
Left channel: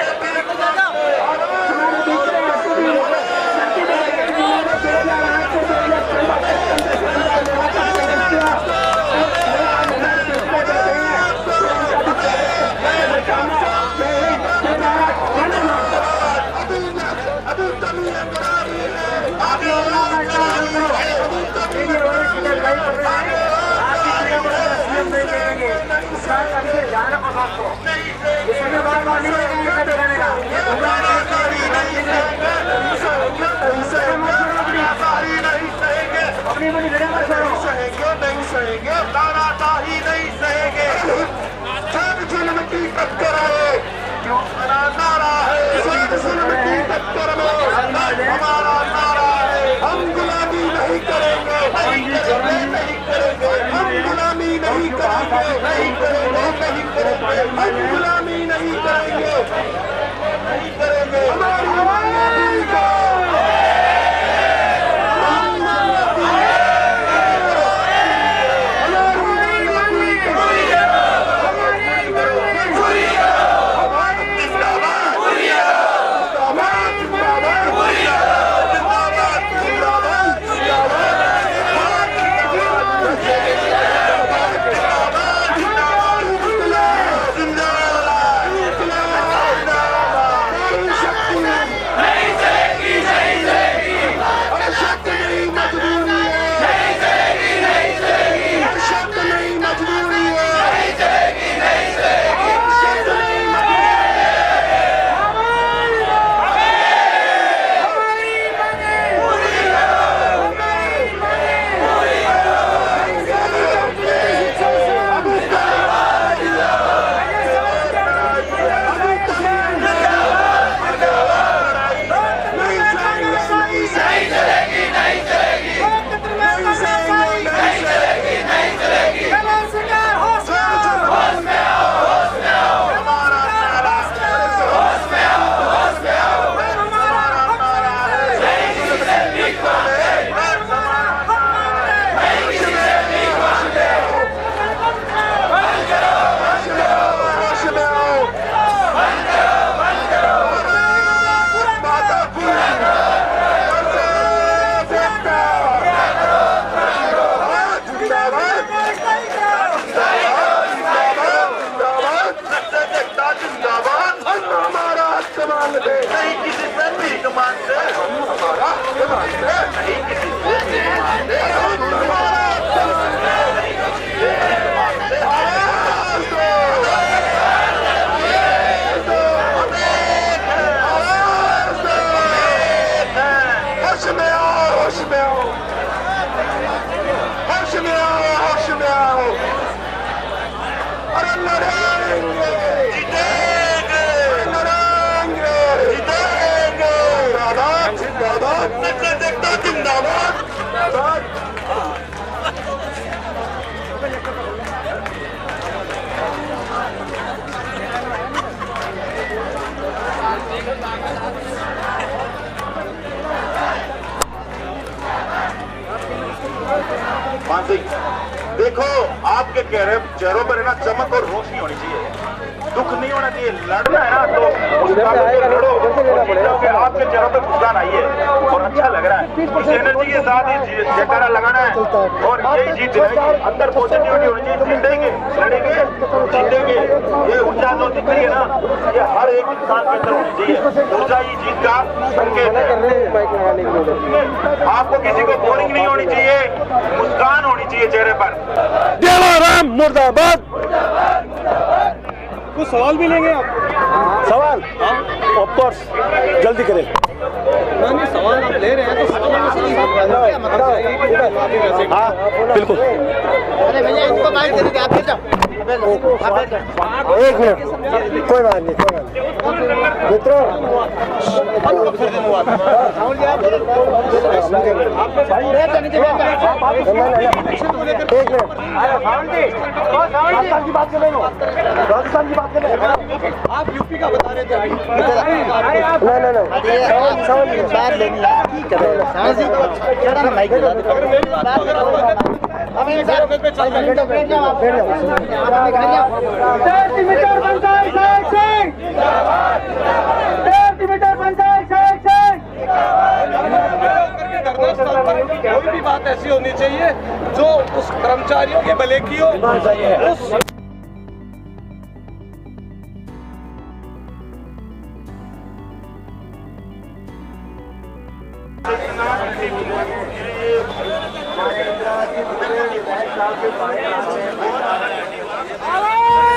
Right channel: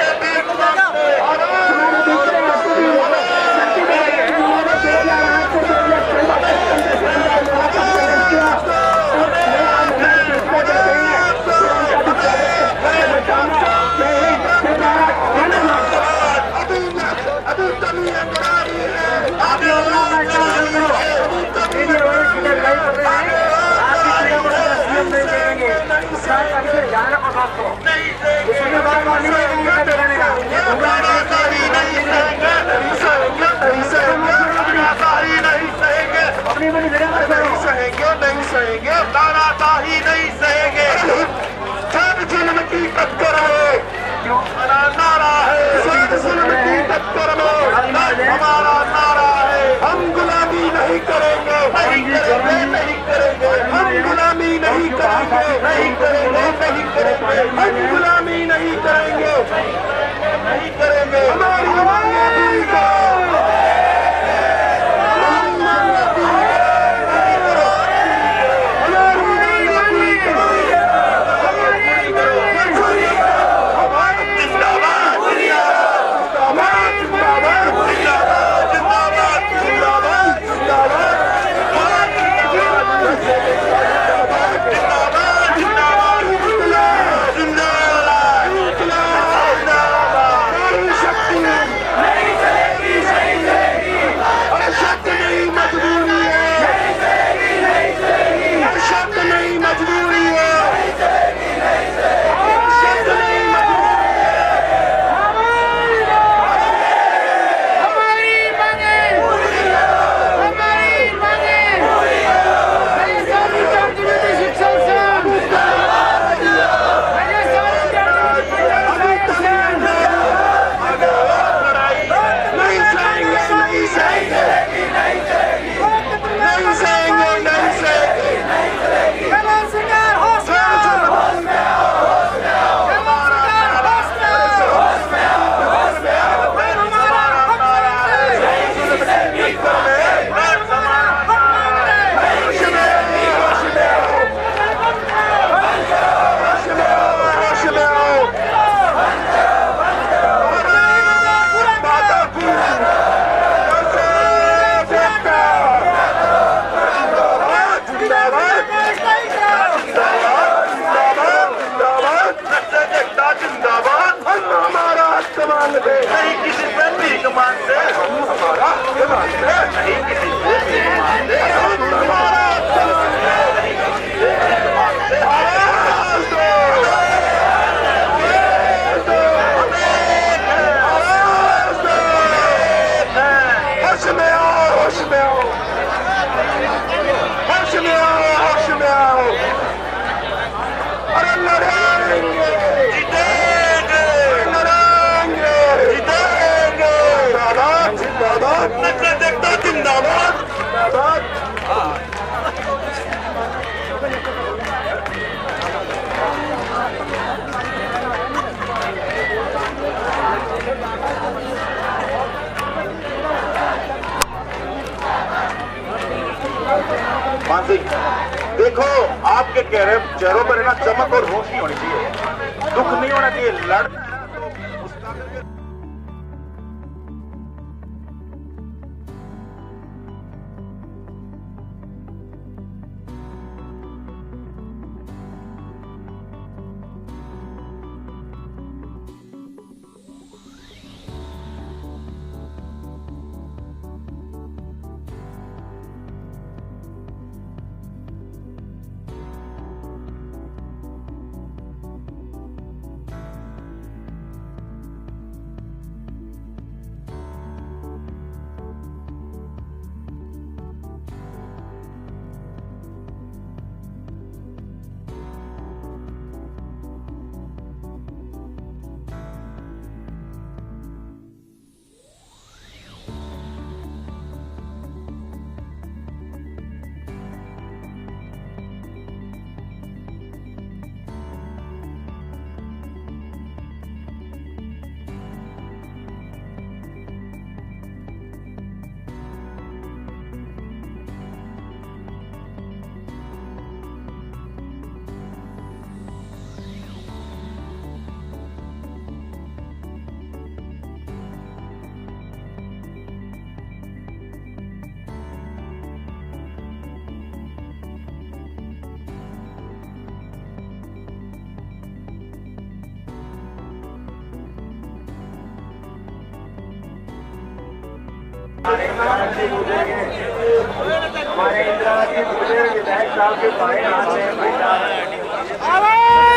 नहीं सहेंगे, तानाशाही नहीं सहेंगे। जब जुल्म की टक्कर है, क्यों हमारा नारा है, जब जुल्म की टक्कर में हमारा नारा है, हम गुलामी नहीं करेंगे, नहीं करेंगे, नहीं करेंगे, हम गुलामी नहीं करेंगे, नहीं करेंगे, नहीं करेंगे, हम गुलामी नहीं करेंगे, नहीं करेंगे। हमारी मांगे पूरी करो। नहीं किसी से भीख मांगते, हम हमारा हक मांगते, नहीं किसी से भीख मांगते, हम हमारा हक मांगते, नहीं किसी से भीख मांगते। होश में आओ, होश में आओ, होश में आओ, होश में आओ। अरे लड़ेंगे, जीतेंगे, लड़ेंगे, जीतेंगे। जिंदाबाद, जिंदाबाद, नजर देखता जिंदाबाद, जिंदाबाद। मान सिंह, देखो आपके चेहरों पर है ना चमक और रोशनी होनी चाहिए, दुख नहीं होना चाहिए। लड़ना है ना तो मुस्कुरा के लड़ो, आपके चेहरों पर मुस्कान आई है और अच्छा लग रहा है। इस एनर्जी के साथ ही जयकारा लगाना है और यही जीत दिलाएगी। अंदर पॉजिटिविटी होनी चाहिए, जीतेंगे, लड़ेंगे, जीतेंगे। ये ऊर्जा जो दिख रही है ना, ये हर एक इंसान के अंदर होनी चाहिए। ऊर्जा ही जीत का संकेत है। आपको किसी को बोरिंग नहीं होनी चाहिए, मुस्कान होनी चाहिए चेहरे पर। देवाराम मुर्दाबाद। कुछ सवाल भी लेंगे आप? सवाल ऑफ कोर्स, जल्दी करें। सवाल आप ले रहे हैं तो हाँ बिल्कुल। अरे भैया इनको बाइक दे दीजिए, आप बैठ जाओ। एक मिनट, कोई बात नहीं, कोई बात नहीं। मित्रों, एक मिनट, राजस्थान की बात कर रहे हो, राजस्थान की बात कर रहे हैं आप यूपी का बता रहे थे अभी। कोई भी बात ऐसी होनी चाहिए जो उस कर्मचारियों के भले की हो। उस हमारे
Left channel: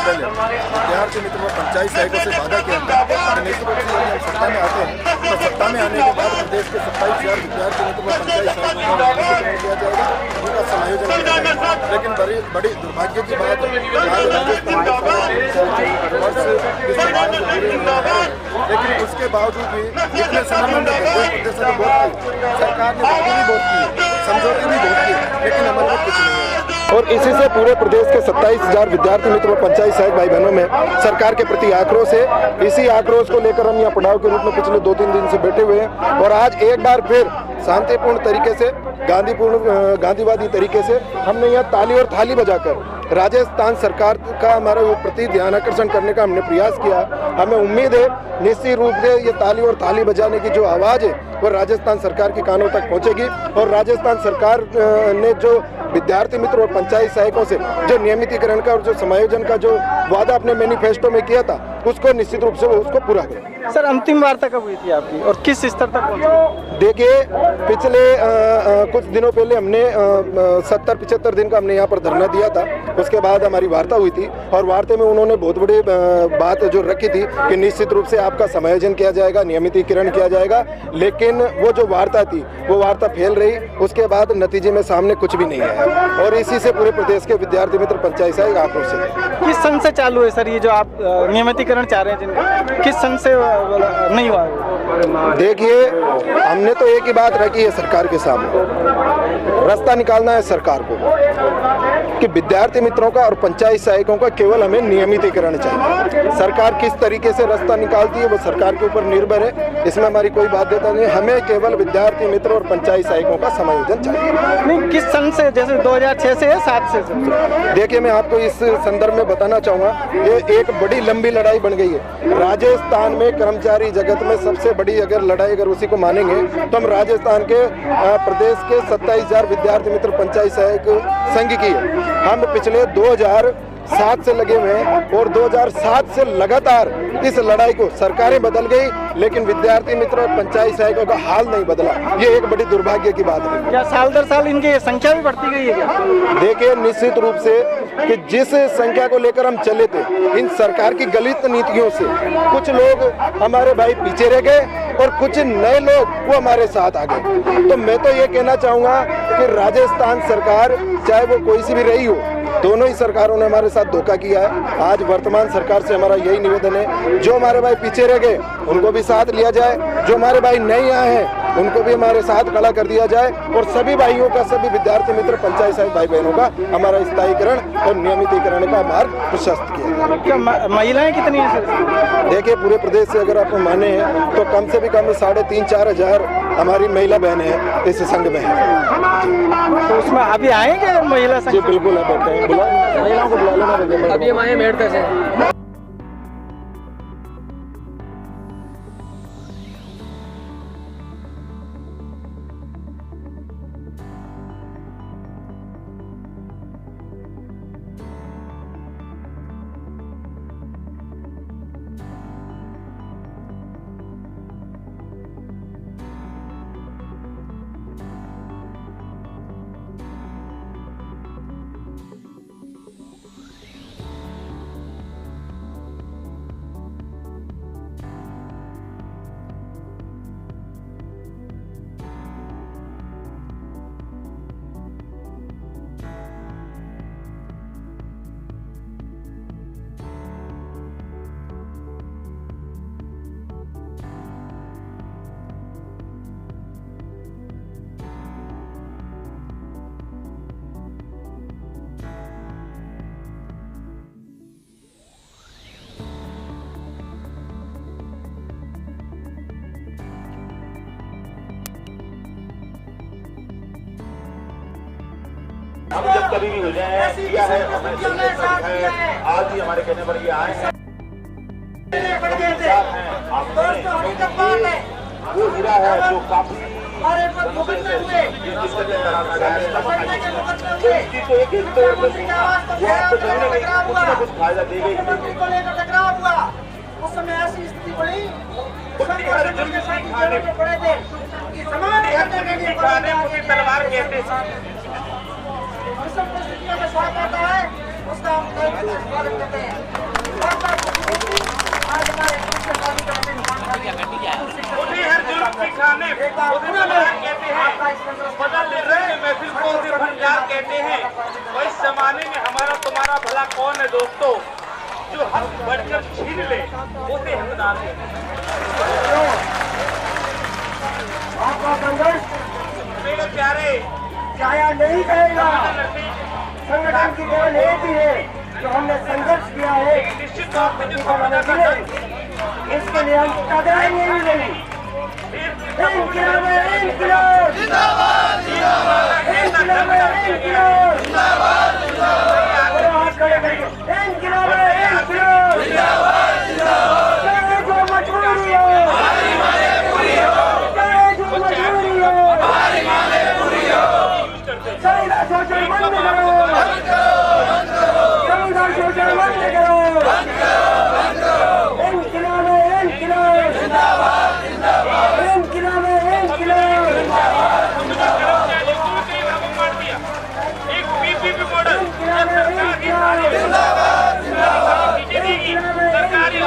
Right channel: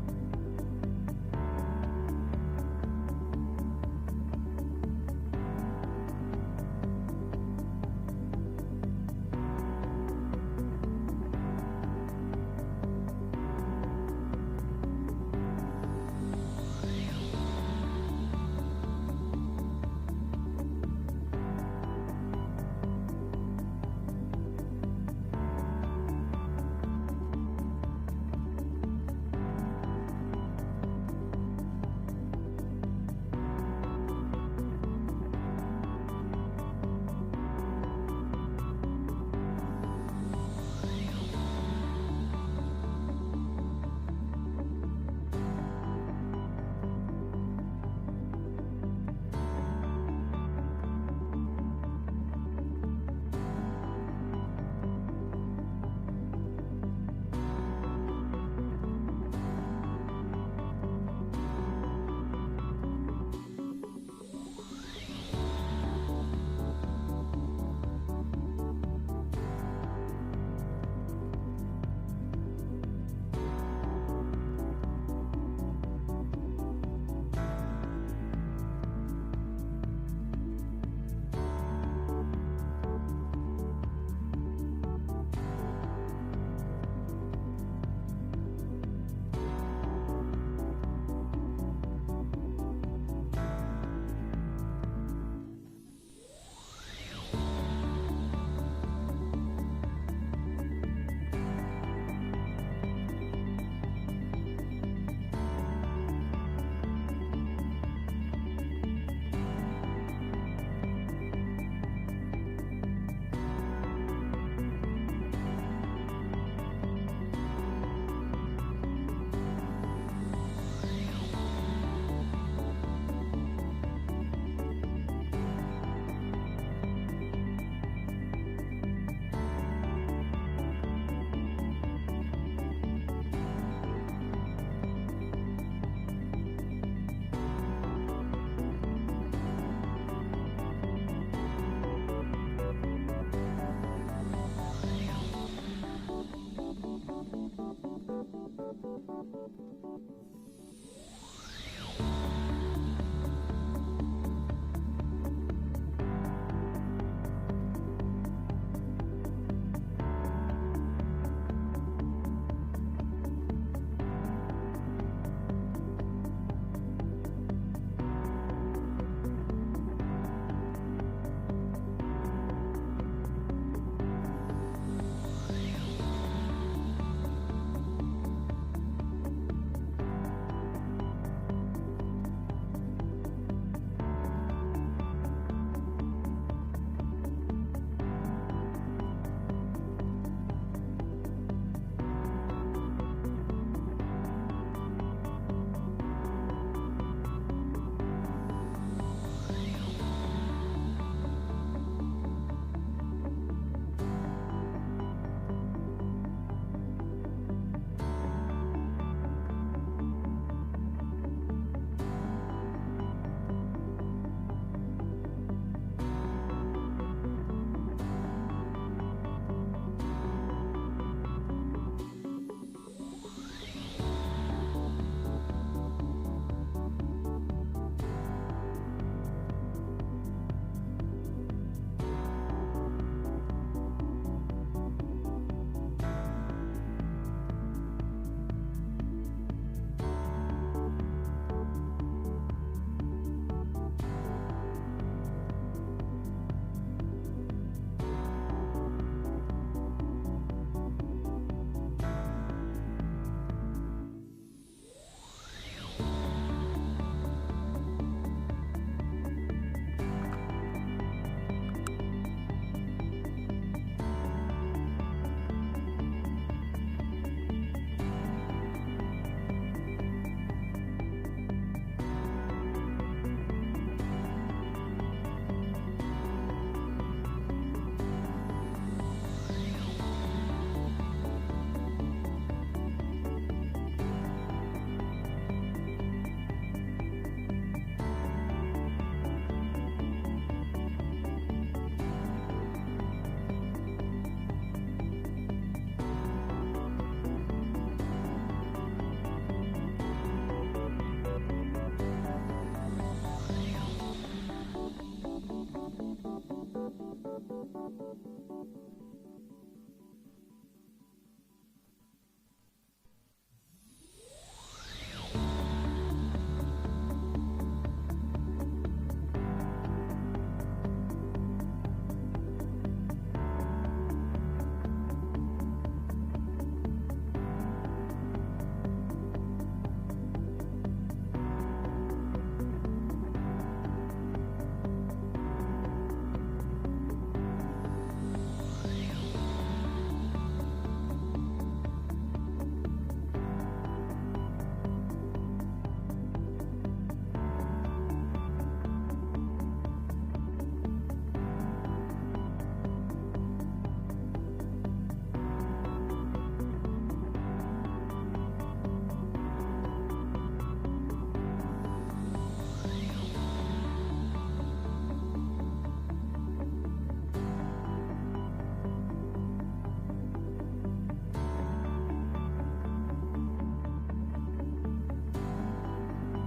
पहले विद्यार्थी मित्र व पंचायत सहायकों से वादा किया था कि निश्चित रूप से यदि हम सत्ता में आते हैं तो सत्ता में आने के बाद प्रदेश के 27,000 विद्यार्थी मित्र व पंचायत सहायकों का नियमितीकरण किया जाएगा, उनका समायोजन किया जाएगा। लेकिन बड़ी दुर्भाग्य की बात लेकिन उसके बावजूद भी इतने समय में सरकार ने बातें भी बहुत की, समझौते भी बहुत किए, लेकिन अमल में कुछ नहीं है। और इसी से पूरे प्रदेश के 27,000 विद्यार्थी मित्र और पंचायत सहायक भाई बहनों में सरकार के प्रति आक्रोश है। इसी आक्रोश को लेकर हम यहाँ पड़ाव के रूप में पिछले 2-3 दिन से बैठे हुए हैं और आज एक बार फिर शांतिपूर्ण तरीके से गांधीवादी तरीके से हमने यहाँ ताली और थाली बजाकर राजस्थान सरकार का हमारे प्रति ध्यान आकर्षण करने का हमने प्रयास किया। हमें उम्मीद है निश्चित रूप से ये ताली और थाली बजाने की जो आवाज़ है वो राजस्थान सरकार के कानों तक पहुंचेगी और राजस्थान सरकार ने जो विद्यार्थी मित्र और पंचायत सहायकों से जो नियमितीकरण का और जो समायोजन का जो वादा अपने मैनिफेस्टो में किया था उसको निश्चित रूप से वो उसको पूरा करें। सर अंतिम वार्ता कब हुई थी आपकी और किस स्तर तक पहुंची? देखिए पिछले कुछ दिनों पहले हमने 70-75 दिन का हमने यहाँ पर धरना दिया था। उसके बाद हमारी वार्ता हुई थी और वार्ता में उन्होंने बहुत बड़ी बात जो रखी थी कि निश्चित रूप से आपका समायोजन किया जाएगा, नियमितीकरण किया जाएगा, लेकिन वो जो वार्ता थी वो वार्ता फेल रही। उसके बाद नतीजे में सामने कुछ भी नहीं आया और इसी से पूरे प्रदेश के विद्यार्थी मित्र पंचायत सहायक आक्रोशित है। किस सन से चालू है सर ये जो आप नियमितीकरण चाह रहे हैं जिनका, किस सन से नहीं हुआ? देखिए हमने तो एक ही बात रखी है सरकार के सामने, रास्ता निकालना है सरकार को कि विद्यार्थी मित्रों का और पंचायत सहायकों का केवल हमें नियमितीकरण चाहिए। सरकार किस तरीके से रास्ता निकालती है वो सरकार के ऊपर निर्भर है, इसमें हमारी कोई बाध्यता नहीं। हमें केवल विद्यार्थी मित्र और पंचायत सहायकों का समायोजन चाहिए। नहीं किस सन से, जैसे 2006 से या 7 से? देखिए मैं आपको इस संदर्भ में बताना चाहूँगा, ये एक बड़ी लंबी लड़ाई बन गई है। राजस्थान में कर्मचारी जगत में सबसे बड़ी अगर लड़ाई अगर उसी को मानेंगे तो हम राजस्थान के प्रदेश के 27,000 विद्यार्थी मित्र पंचायत सहायक संघ की है। हम पिछले 2007 से लगे हुए हैं और 2007 से लगातार इस लड़ाई को, सरकारें बदल गई लेकिन विद्यार्थी मित्र और पंचायत सहायकों का हाल नहीं बदला। ये एक बड़ी दुर्भाग्य की बात है। क्या साल दर साल इनकी संख्या भी बढ़ती गई है क्या? देखिए निश्चित रूप से कि जिस संख्या को लेकर हम चले थे, इन सरकार की गलत नीतियों से कुछ लोग हमारे भाई पीछे रह गए और कुछ नए लोग वो हमारे साथ आ गए। तो मैं तो ये कहना चाहूँगा कि राजस्थान सरकार चाहे वो कोई सी भी रही हो, दोनों ही सरकारों ने हमारे साथ धोखा किया है। आज वर्तमान सरकार से हमारा यही निवेदन है, जो हमारे भाई पीछे रह गए उनको भी साथ लिया जाए, जो हमारे भाई नहीं आए हैं उनको भी हमारे साथ खड़ा कर दिया जाए और सभी भाइयों का, सभी विद्यार्थी मित्र पंचायत सहायक भाई बहनों का हमारा स्थायीकरण और नियमितीकरण का मार्ग प्रशस्त किया जाए। क्या महिलाएं कितनी हैं सर? देखिए पूरे प्रदेश से अगर आप माने हैं तो कम से भी कम 3,500-4 हजार हमारी महिला बहनें हैं इस संघ में है। तो उसमें अभी आए क्या महिला संघ? जी बिल्कुल आप बैठते हैं, महिलाओं को बुला लेना। अभी हम आए मेरठ से। हम जब कभी भी हो जाए किया है, हमें आज ही हमारे कहने पर ये आए हैं। वो हीरा है जो काफी कुछ फायदा देगी। उस समय ऐसी स्थिति बनी तलवार कहते उन्हें हर जुल्म सिखाने कहते हैं, बदलने रहे महफिल को सिर्फ हथियार कहते हैं। और इस जमाने में हमारा तुम्हारा भला कौन है दोस्तों, जो हक बढ़कर छीन ले उसे हकदार है। आपका संघर्ष मेरे प्यारे जाया नहीं करेगा। संगठन की केवल एक ही है जो हमने संघर्ष किया है, निश्चित तौर पर जिसको मदद कर इसके लिए हम कतराएंगे ही नहीं। इंकिलाब है, इंकिलाब जिंदाबाद, जिंदाबाद, इंकिलाब है, इंकिलाब जिंदाबाद, जिंदाबाद, हाथ खड़े करके इंकिलाब है, इंकिलाब जिंदाबाद, जिंदाबाद, चाहे जो मजबूरी हो, हमारी मांगे पूरी हो, चाहे जो मजबूरी हो, हमारी मांगे पूरी हो, चाहे शोषण बंद करो, चाहे शोषण बंद करो, इंकिलाब है, इंकिलाब जिंदाबाद, जिंदाबाद, इंकिलाब है, इंकिलाब एक पीपीपी मॉडल सरकारी हॉस्पिटल देगी, सरकारी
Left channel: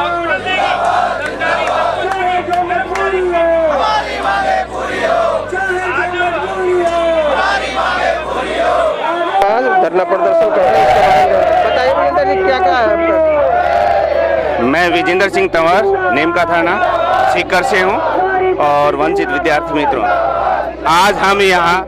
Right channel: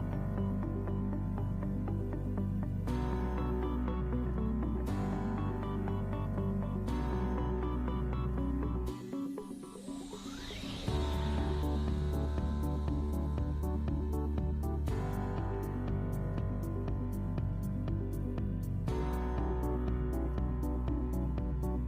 चाहे जो मजबूरी हो, हमारी मांगे पूरी हो, चाहे जो मजबूरी हो, हमारी मांगे पूरी हो। धरना प्रदर्शन कर रहे हैं, बताइए विजेंद्र जी क्या क्या है आपका? मैं विजेंद्र सिंह तंवर, नीमका थाना सीकर से हूँ और वंचित विद्यार्थी मित्रों, आज हम यहाँ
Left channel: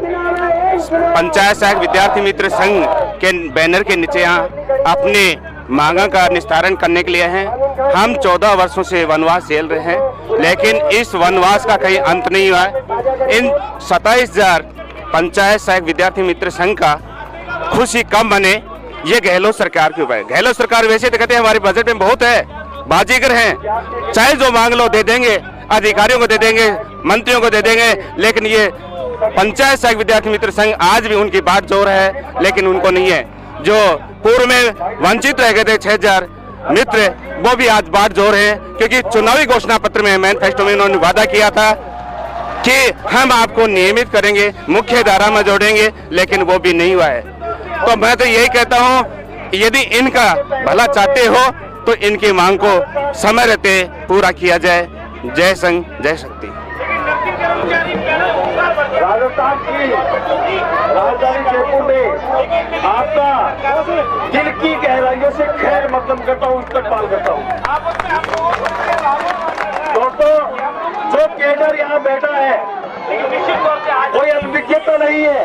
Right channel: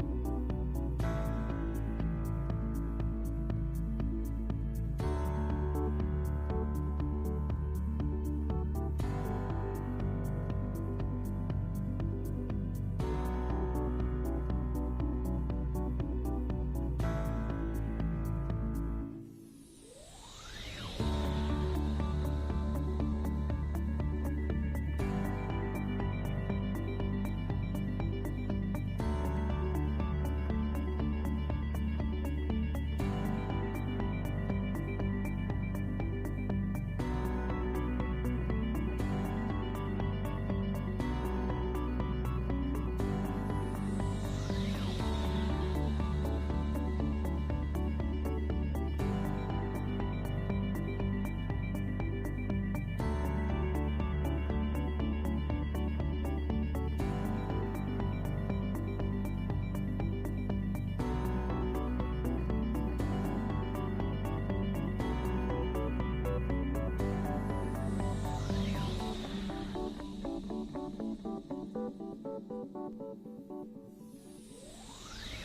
पंचायत सहायक विद्यार्थी मित्र संघ के बैनर के नीचे यहाँ अपने मांगों का निस्तारण करने के लिए हैं। हम 14 वर्षों से वनवास झेल रहे हैं, लेकिन इस वनवास का कहीं अंत नहीं हुआ है। इन 27,000 पंचायत सहायक विद्यार्थी मित्र संघ का खुशी कम बने, ये गहलोत सरकार के ऊपर है। गहलोत सरकार वैसे तो कहते हैं हमारे बजट में बहुत है, बाजीगर हैं, चाहे जो मांग लो दे देंगे, अधिकारियों को दे देंगे, मंत्रियों को दे देंगे, लेकिन ये पंचायत सहायक विद्यार्थी मित्र संघ आज भी उनकी बात जोर है, लेकिन उनको नहीं है। जो पूर्व में वंचित रह गए थे 6,000 मित्र, वो भी आज बात जोर है, क्योंकि चुनावी घोषणा पत्र में, मैनिफेस्टो में उन्होंने वादा किया था कि हम आपको नियमित करेंगे, मुख्य धारा में जोड़ेंगे, लेकिन वो भी नहीं हुआ है। तो मैं तो यही कहता हूँ, यदि इनका भला चाहते हो तो इनकी मांग को समय रहते पूरा किया जाए। जय संघ, जय शक्ति। राजस्थान की राजधानी जयपुर में आपका दिल की गहराइयों से खैर मकदम करता हूँ, इस्तकबाल करता हूँ। दोस्तों, जो कैडर यहाँ बैठा है कोई अल्पविज्ञ तो नहीं है।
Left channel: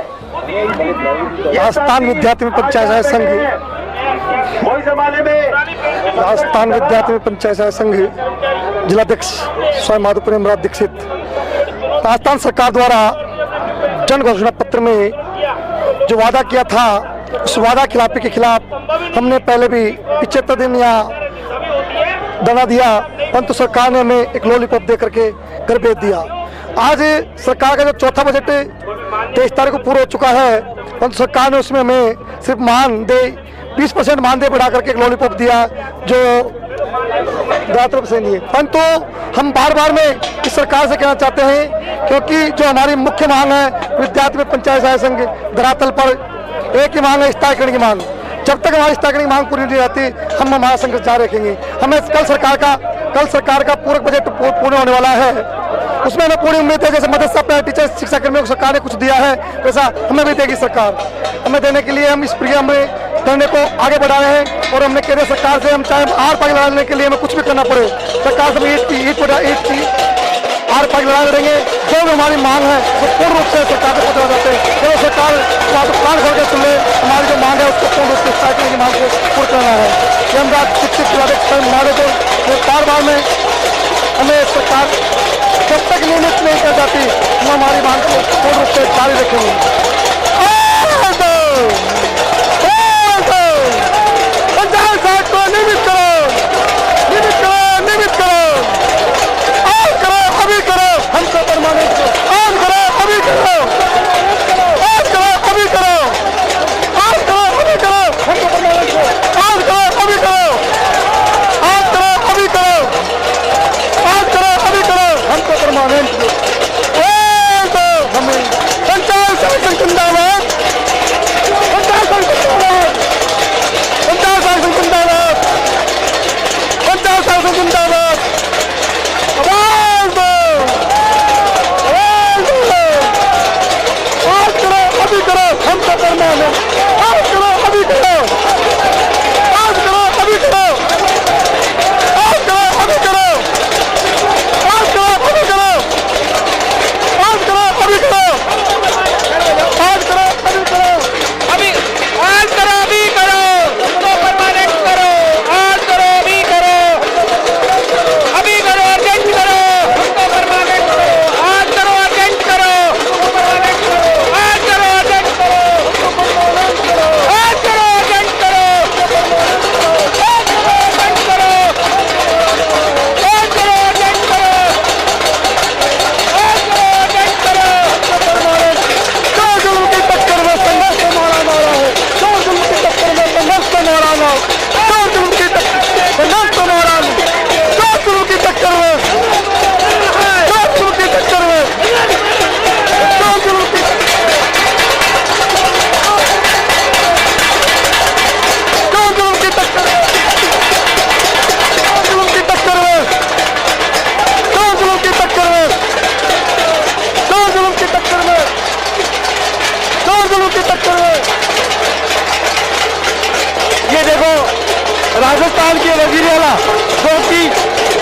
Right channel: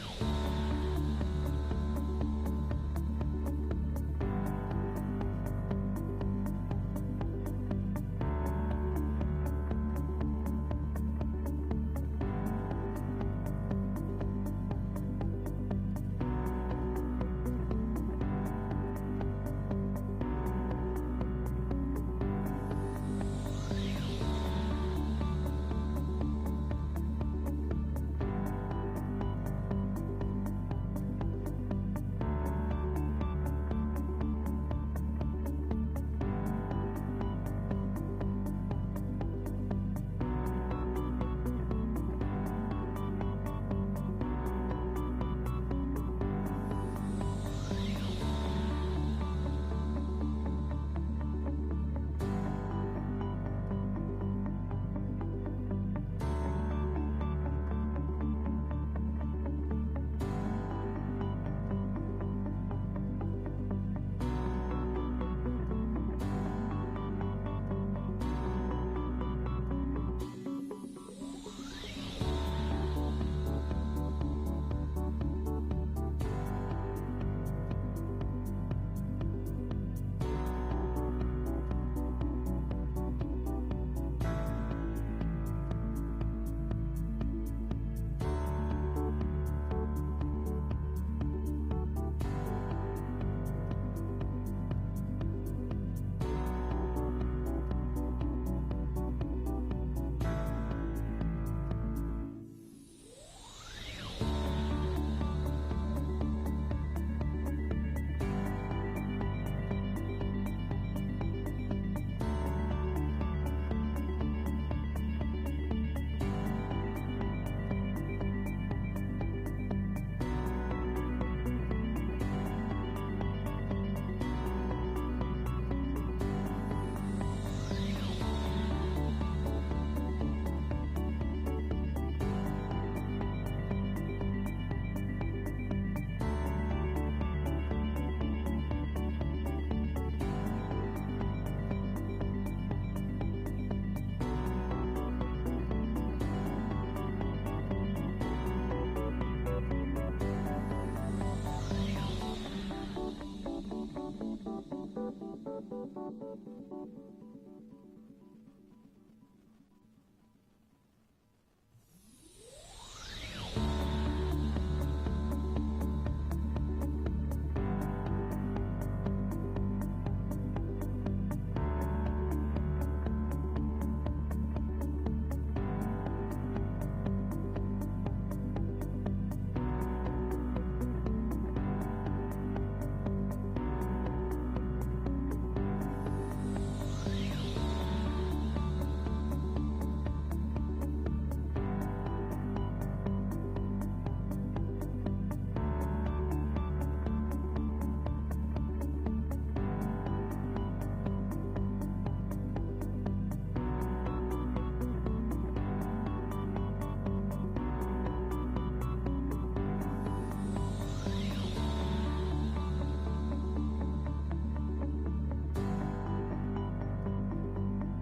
राजस्थान विद्यार्थी पंचायत सहायक संघ, कोई जमाने में राजस्थान विद्यार्थी पंचायत सहायक संघ जिलाध्यक्ष स्वयं माधोपुर हेमराज दीक्षित, राजस्थान सरकार द्वारा जन घोषणा पत्र में जो वादा किया था, उस वादा खिलाफी के खिलाफ हमने पहले भी 75 दिन यहाँ धरना दिया, परंतु सरकार ने हमें एक लॉलीपॉप दे करके घर भेज दिया। आज सरकार का जो चौथा बजट 23 तारीख को पूरा हो चुका है, परंतु सरकार ने उसमें हमें सिर्फ मानदेय 20% मानदेय बढ़ा करके एक लॉलीपॉप दिया, जो ज्यादातर से नहीं है। परंतु हम बार बार में इस सरकार से कहना चाहते हैं, क्योंकि जो हमारी मुख्य मांग है विद्यार्थी में पंचायत सहायक संघ, धरातल पर एक ही मांग है, स्थायीकरण की मांग। जब तक हमारी स्थायीकरण की मांग पूरी नहीं रहती, हम हमारा संघर्ष जारी रखेंगे। हमें कल सरकार का पूरक बजट पूर्ण होने वाला है, उसमें हमें पूरी उम्मीद है। जैसे मदरसा टीचर शिक्षा कर्मियों को सरकार ने कुछ दिया है, वैसा हमें भी देगी सरकार। हमें देने के लिए हम इस प्रिया में धरने को आगे बढ़ा रहे हैं, और हमने केंद्र सरकार से हम चाहे आर पार लड़ाने के लिए हमें कुछ भी करना पड़े, सरकार से ईट आर पार लड़ा लड़ेंगे। जो भी हमारी मांग है वो पूर्ण रूप से सरकार से पहुंचा जाते हैं। जो सरकार कान खोल के सुन ले, हमारी जो मांग है उसको पूर्ण रूप से स्थायी की मांग को पूर्ण करना है। ये हम बार में हमें सरकार जब तक नियमित नहीं कर जाती, हम हमारी मांग को पूर्ण रूप से जारी रखेंगे। पंचायत सहायक को नियमित करो, नियमित करो, नियमित करो, और करो, अभी करो, हमको परमानेंट और करो, अभी करो, और करो, अभी करो, और करो, अभी करो, हमको परमानेंट और करो, अभी करो, और करो, अभी करो, और करो, अभी करो, हमको परमानेंट हमें पंचायत सहायक के टक्कर में। ये देखो राजस्थान के वजीर आला जो कि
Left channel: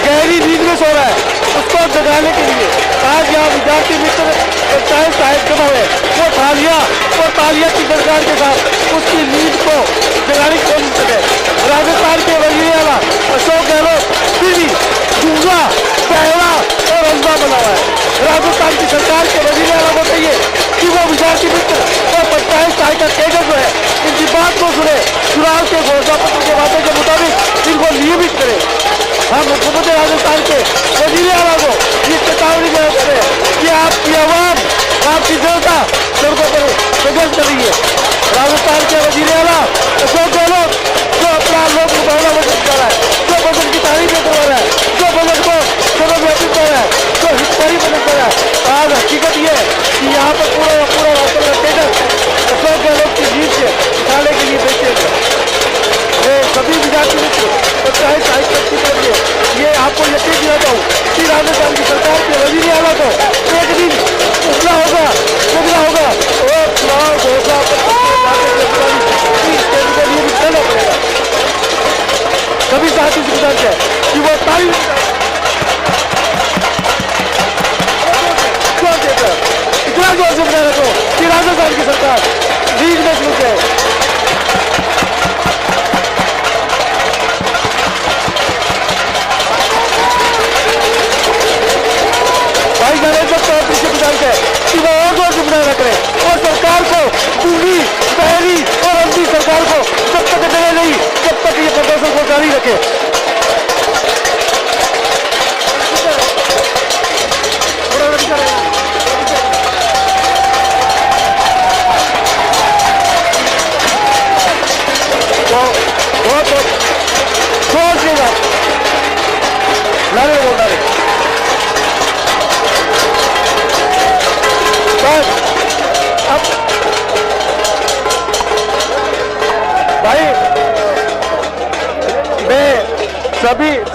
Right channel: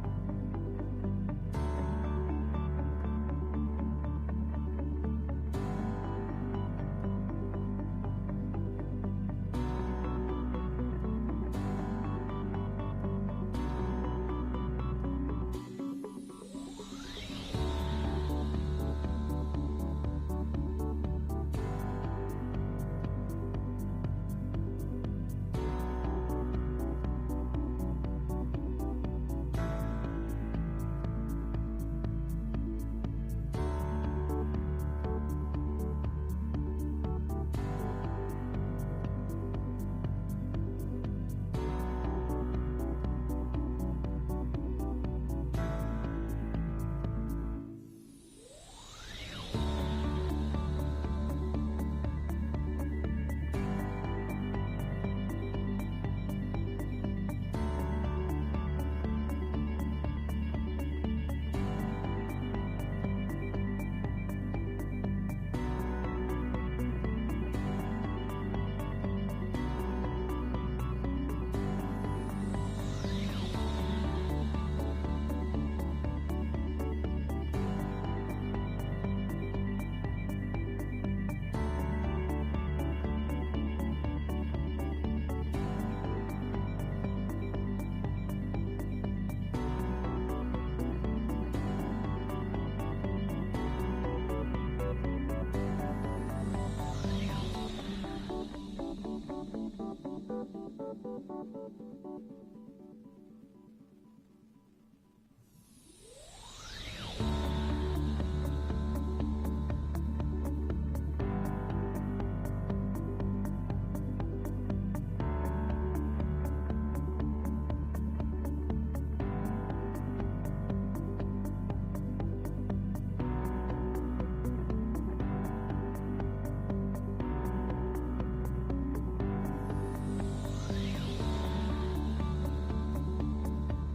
गहरी नींद में सो रहा है, उसको जगाने के लिए आज यहाँ विद्यार्थी मित्र पंचायत साहिब जमा हुए, वो तालियां की सरकार के साथ उसकी नींद को जगाने की कोशिश करे। राजस्थान के वजीर आला अशोक गहलोत फिर भी दूसरा पहला और अंधा बना हुआ है। राजस्थान की सरकार के वजीर आला को चाहिए कि वो विद्यार्थी मित्र और पंचायत सहायक का केडर जो है इनकी बात को सुने, चुनाव के घोषणा पत्र के वादे के मुताबिक इनको नियमित करे। हम मुख्यमंत्री राजस्थान के वजीर आला को ये चेतावनी देते हैं कि आपकी आवाम, आपकी जनता सड़कों पर संघर्ष कर रही है। राजस्थान के वजीर आला अशोक गहलोत जो अपना लोक मुकाबला बजट कर रहा है, जो बजट की तारीफ करवा रहा है, जो बजट को सर्वव्यापी कर रहा है, जो हितकारी बजट कर रहा है, आज हकीकत ये है कि यहाँ पर पूरा रास्ता का केडर अशोक गहलोत की जीत से निकालने के लिए बैठे हैं। सभी विद्यार्थी मित्र पंचायत सहायक शक्ति के लिए ये आपको यकीन दिलाता हूँ कि राजस्थान की सरकार के वजीर आला को एक दिन उठना होगा और चुनाव घोषणा सभी साथी से गुजारिश है कि वो तारीफ इतना जोर से बना रखो कि राजस्थान की सरकार लीड में शुरू है। भाई नरेंद्र चौधरी से गुजारिश है कि वो और जोर से बनाए रख रहे और सरकार को पूरी पहली और अंतिम सरकार को जब तक जगह नहीं, जब तक ये प्रदर्शन को जारी रखे।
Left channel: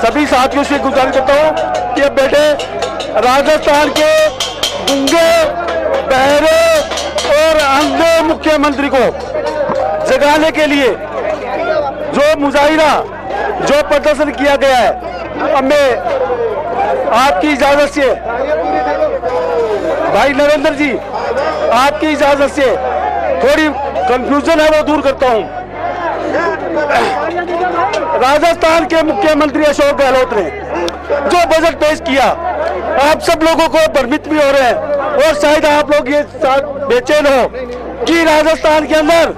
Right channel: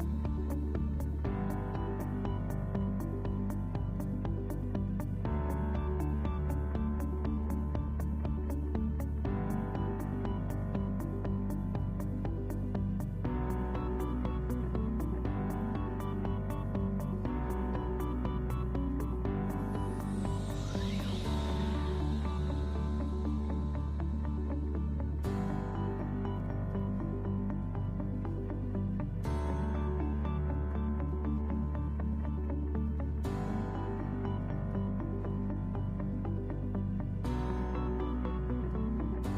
सभी साथियों से गुजारिश करता हूं कि अब बेटे राजस्थान के गूंगे, बहरे और अंधे मुख्यमंत्री को जगाने के लिए जो मुजाहिरा, जो प्रदर्शन किया गया है, अब मैं आपकी इजाजत से भाई नरेंद्र जी, आपकी इजाजत से थोड़ी कंफ्यूजन है वो दूर करता हूं। राजस्थान के मुख्यमंत्री अशोक गहलोत ने जो बजट पेश किया, आप सब लोगों को भ्रमित भी हो रहे हैं और शायद आप लोग ये बेचैन हो कि राजस्थान के अंदर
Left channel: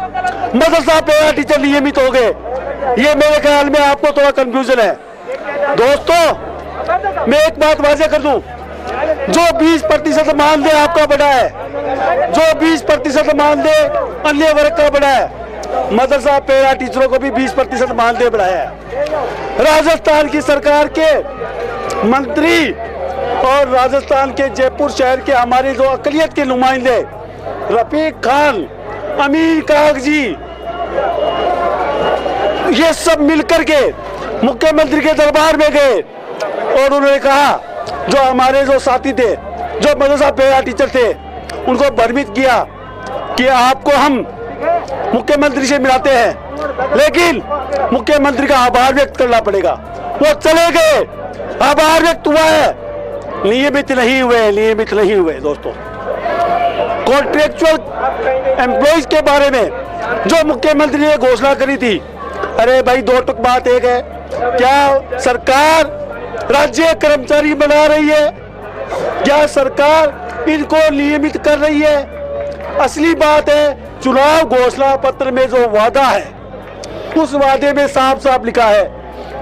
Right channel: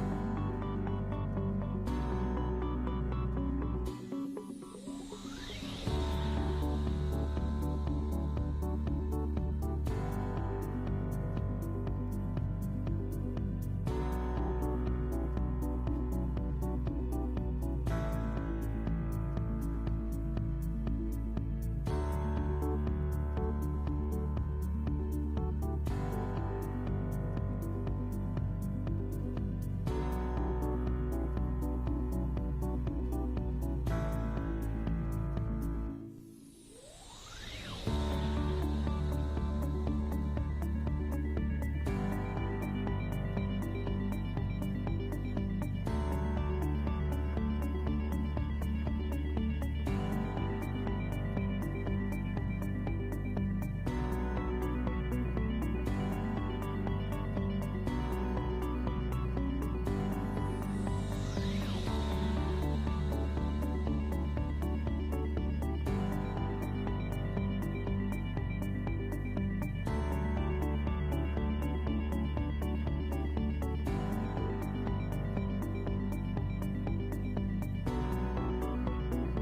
मदरसा पैरा टीचर नियमित हो गए। ये मेरे ख्याल में आपको थोड़ा कंफ्यूजन है। दोस्तों, मैं एक बात वाजे कर दूं, जो 20% मानदेय आपका बढ़ा है, जो 20% मानदेय अन्य वर्ग का बढ़ा है, मदरसा पैरा टीचरों को भी 20% मानदेय बढ़ाया है। राजस्थान की सरकार के मंत्री और राजस्थान के जयपुर शहर के हमारे जो अकलियत के नुमाइंदे रफीक खान, अमीर कागजी, ये सब मिलकर के मुख्यमंत्री के दरबार में गए और उन्होंने कहा, जो हमारे जो साथी थे, जो मदरसा पैरा टीचर थे, उनको भ्रमित किया कि आपको हम मुख्यमंत्री से मिलाते हैं, लेकिन मुख्यमंत्री का आभार व्यक्त करना पड़ेगा। वो चले गए, आभार व्यक्त हुआ है, नियमित नहीं हुए। दोस्तों, कॉन्ट्रेक्चुअल एम्प्लॉइज के बारे में जो मुख्यमंत्री ने घोषणा करी थी, अरे भाई दो टुक बात एक है, क्या सरकार राज्य कर्मचारी बना रही है? क्या सरकार इनको नियमित कर रही है? असली बात है, चुनाव घोषणा पत्र में जो वादा है, उस वादे में साफ साफ लिखा है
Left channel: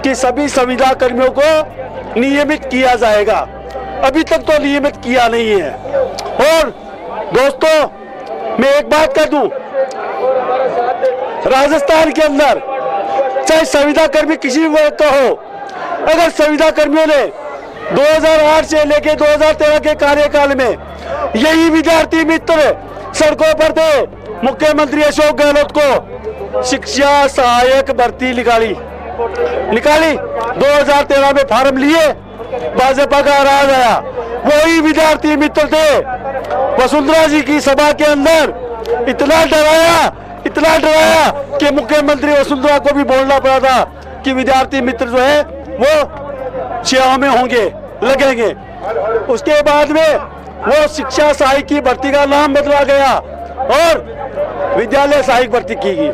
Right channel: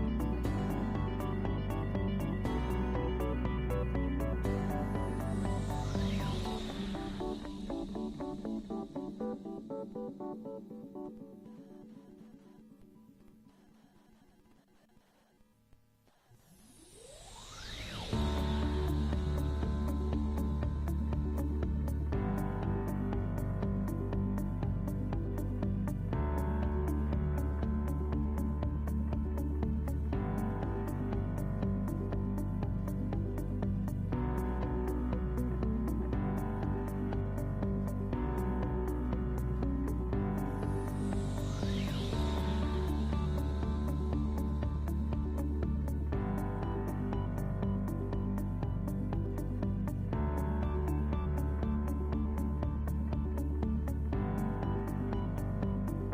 कि सभी संविदा कर्मियों को नियमित किया जाएगा। अभी तक तो नियमित किया नहीं है। और दोस्तों, मैं एक बात कह दूं, राजस्थान के अंदर चाहे संविदा कर्मी किसी वर्ग का हो, अगर संविदा कर्मियों ने 2008 से लेकर 2013 के कार्यकाल में यही विद्यार्थी मित्र सड़कों पर थे, मुख्यमंत्री अशोक गहलोत को शिक्षा सहायक भर्ती निकाली 2013 में फार्म लिए, भाजपा का राज आया। वही विद्यार्थी मित्र थे, वसुंधरा जी की सभा के अंदर इतना डराया कि मुख्यमंत्री वसुंधरा को भी बोलना पड़ा था कि विद्यार्थी मित्र जो है वो सेवा में होंगे, लगेंगे। उसके बाद में वो शिक्षा सहायक की भर्ती का नाम बदला गया और विद्यालय सहायक भर्ती की गई,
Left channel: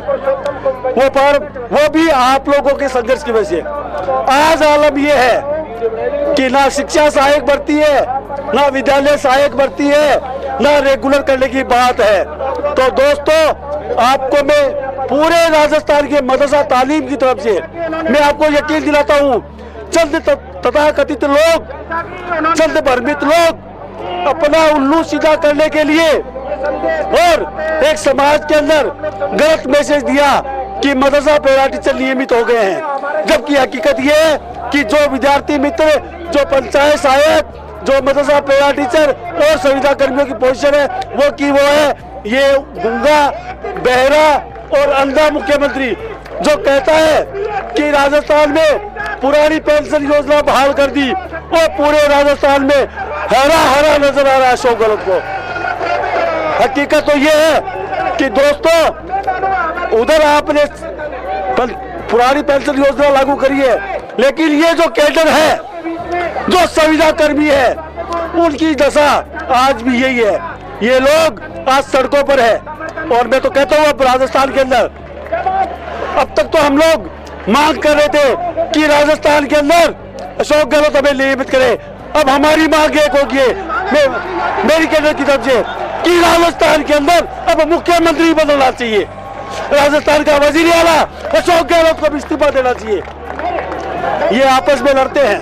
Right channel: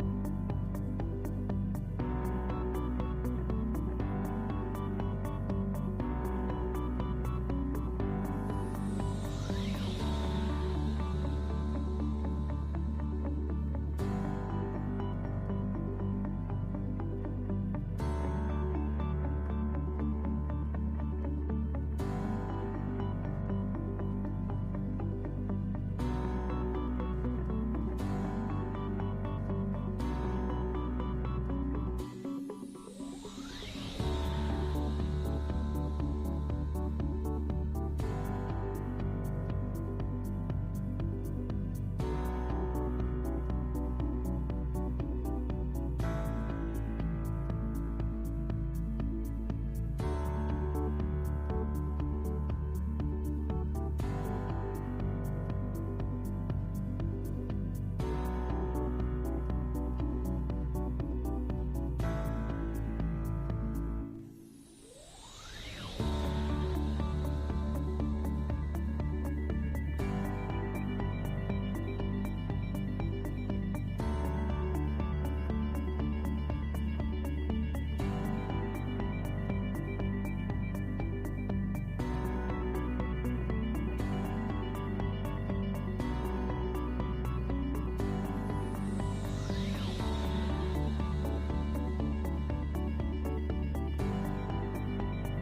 वो भी आप लोगों के संघर्ष की वजह से। आज आलम ये है कि ना शिक्षा सहायक भर्ती है, ना विद्यालय सहायक भर्ती है, ना रेगुलर करने की बात है। तो दोस्तों, आपको मैं पूरे राजस्थान के मदरसा तालीम की तरफ से मैं आपको यकीन दिलाता हूँ, चंद तथाकथित लोग, चंद भ्रमित लोग अपना उल्लू सीधा करने के लिए और एक समाज के अंदर गलत मैसेज दिया कि मदरसा पैरा टीचर नियमित हो गए हैं, जबकि हकीकत ये है कि जो विद्यार्थी मित्र, जो पंचायत सहायक, जो मदरसा पैरा टीचर और संविदा कर्मियों की पोजीशन है वो है ये गूंगा, बहरा और अंधा मुख्यमंत्री जो कहता है कि राजस्थान में पुरानी पेंशन योजना बहाल कर दी और पूरे राजस्थान में हरा नजर आ रहा है अशोक गहलोत को। हकीकत तो ये है कि दोस्तों, उधर आपने पुरानी पेंशन योजना लागू करी है, लेकिन ये जो कैडर है, जो संविदा कर्मी है, उनकी दशा आज भी यही है। ये लोग आज सड़कों पर है और मैं तो कहता हूँ अब राजस्थान के अंदर, अब तक तो हम लोग मांग कर रहे थे कि राजस्थान के अंदर अशोक गहलोत हमें नियमित करे। अब हमारी मांग एक होगी मेरी कैडर की तरफ से कि राजस्थान के अंदर अब मुख्यमंत्री बदलना चाहिए, राजस्थान का वजीर आला अशोक गहलोत को भी इस्तीफा देना चाहिए। ये आपस में लड़ते हैं,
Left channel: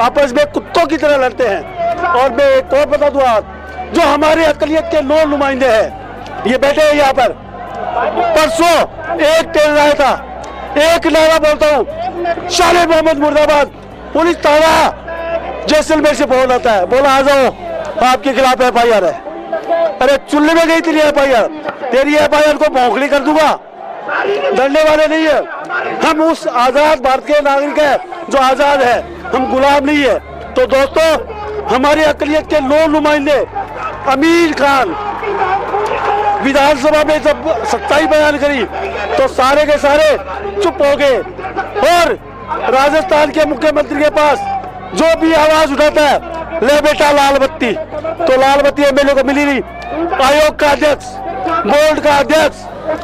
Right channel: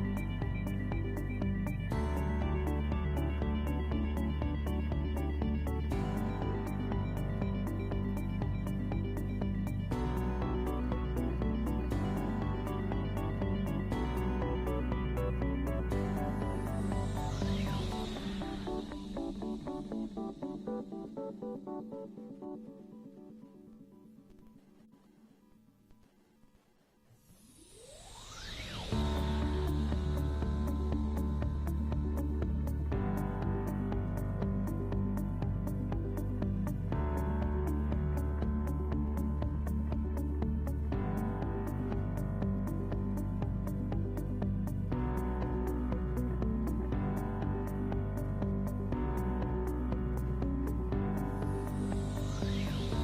आपस में कुत्तों की तरह लड़ते हैं। और मैं एक और बता दूं, आप जो हमारे अकलियत के 9 नुमाइंदे हैं, ये बैठे हैं यहाँ पर। परसों एक ट्रेन आया था, एक नारा बोलता हूँ, शाले मोहम्मद मुर्दाबाद, पुलिस थाना जैसलमेर से फोन आता है, बोला आ जाओ आपके खिलाफ FIR है। अरे चुल्ले में गई थी FIR, तेरी FIR को भौंकड़ी कर दूंगा, डरने वाले नहीं है। हम उस आजाद भारत के नागरिक है जो आजाद है, हम गुलाम नहीं है। तो दोस्तों, हमारी अकलियत के 9 नुमाइंदे, अमीर खान विधानसभा में जब सच्चाई बयान करी तो सारे के सारे चुप हो गए और राजस्थान के मुख्यमंत्री के पास जो भी आवाज उठाता है, ले बेटा लाल बत्ती, तो लाल बत्ती MLA को मिली नहीं। आयोग का अध्यक्ष, बोर्ड का अध्यक्ष,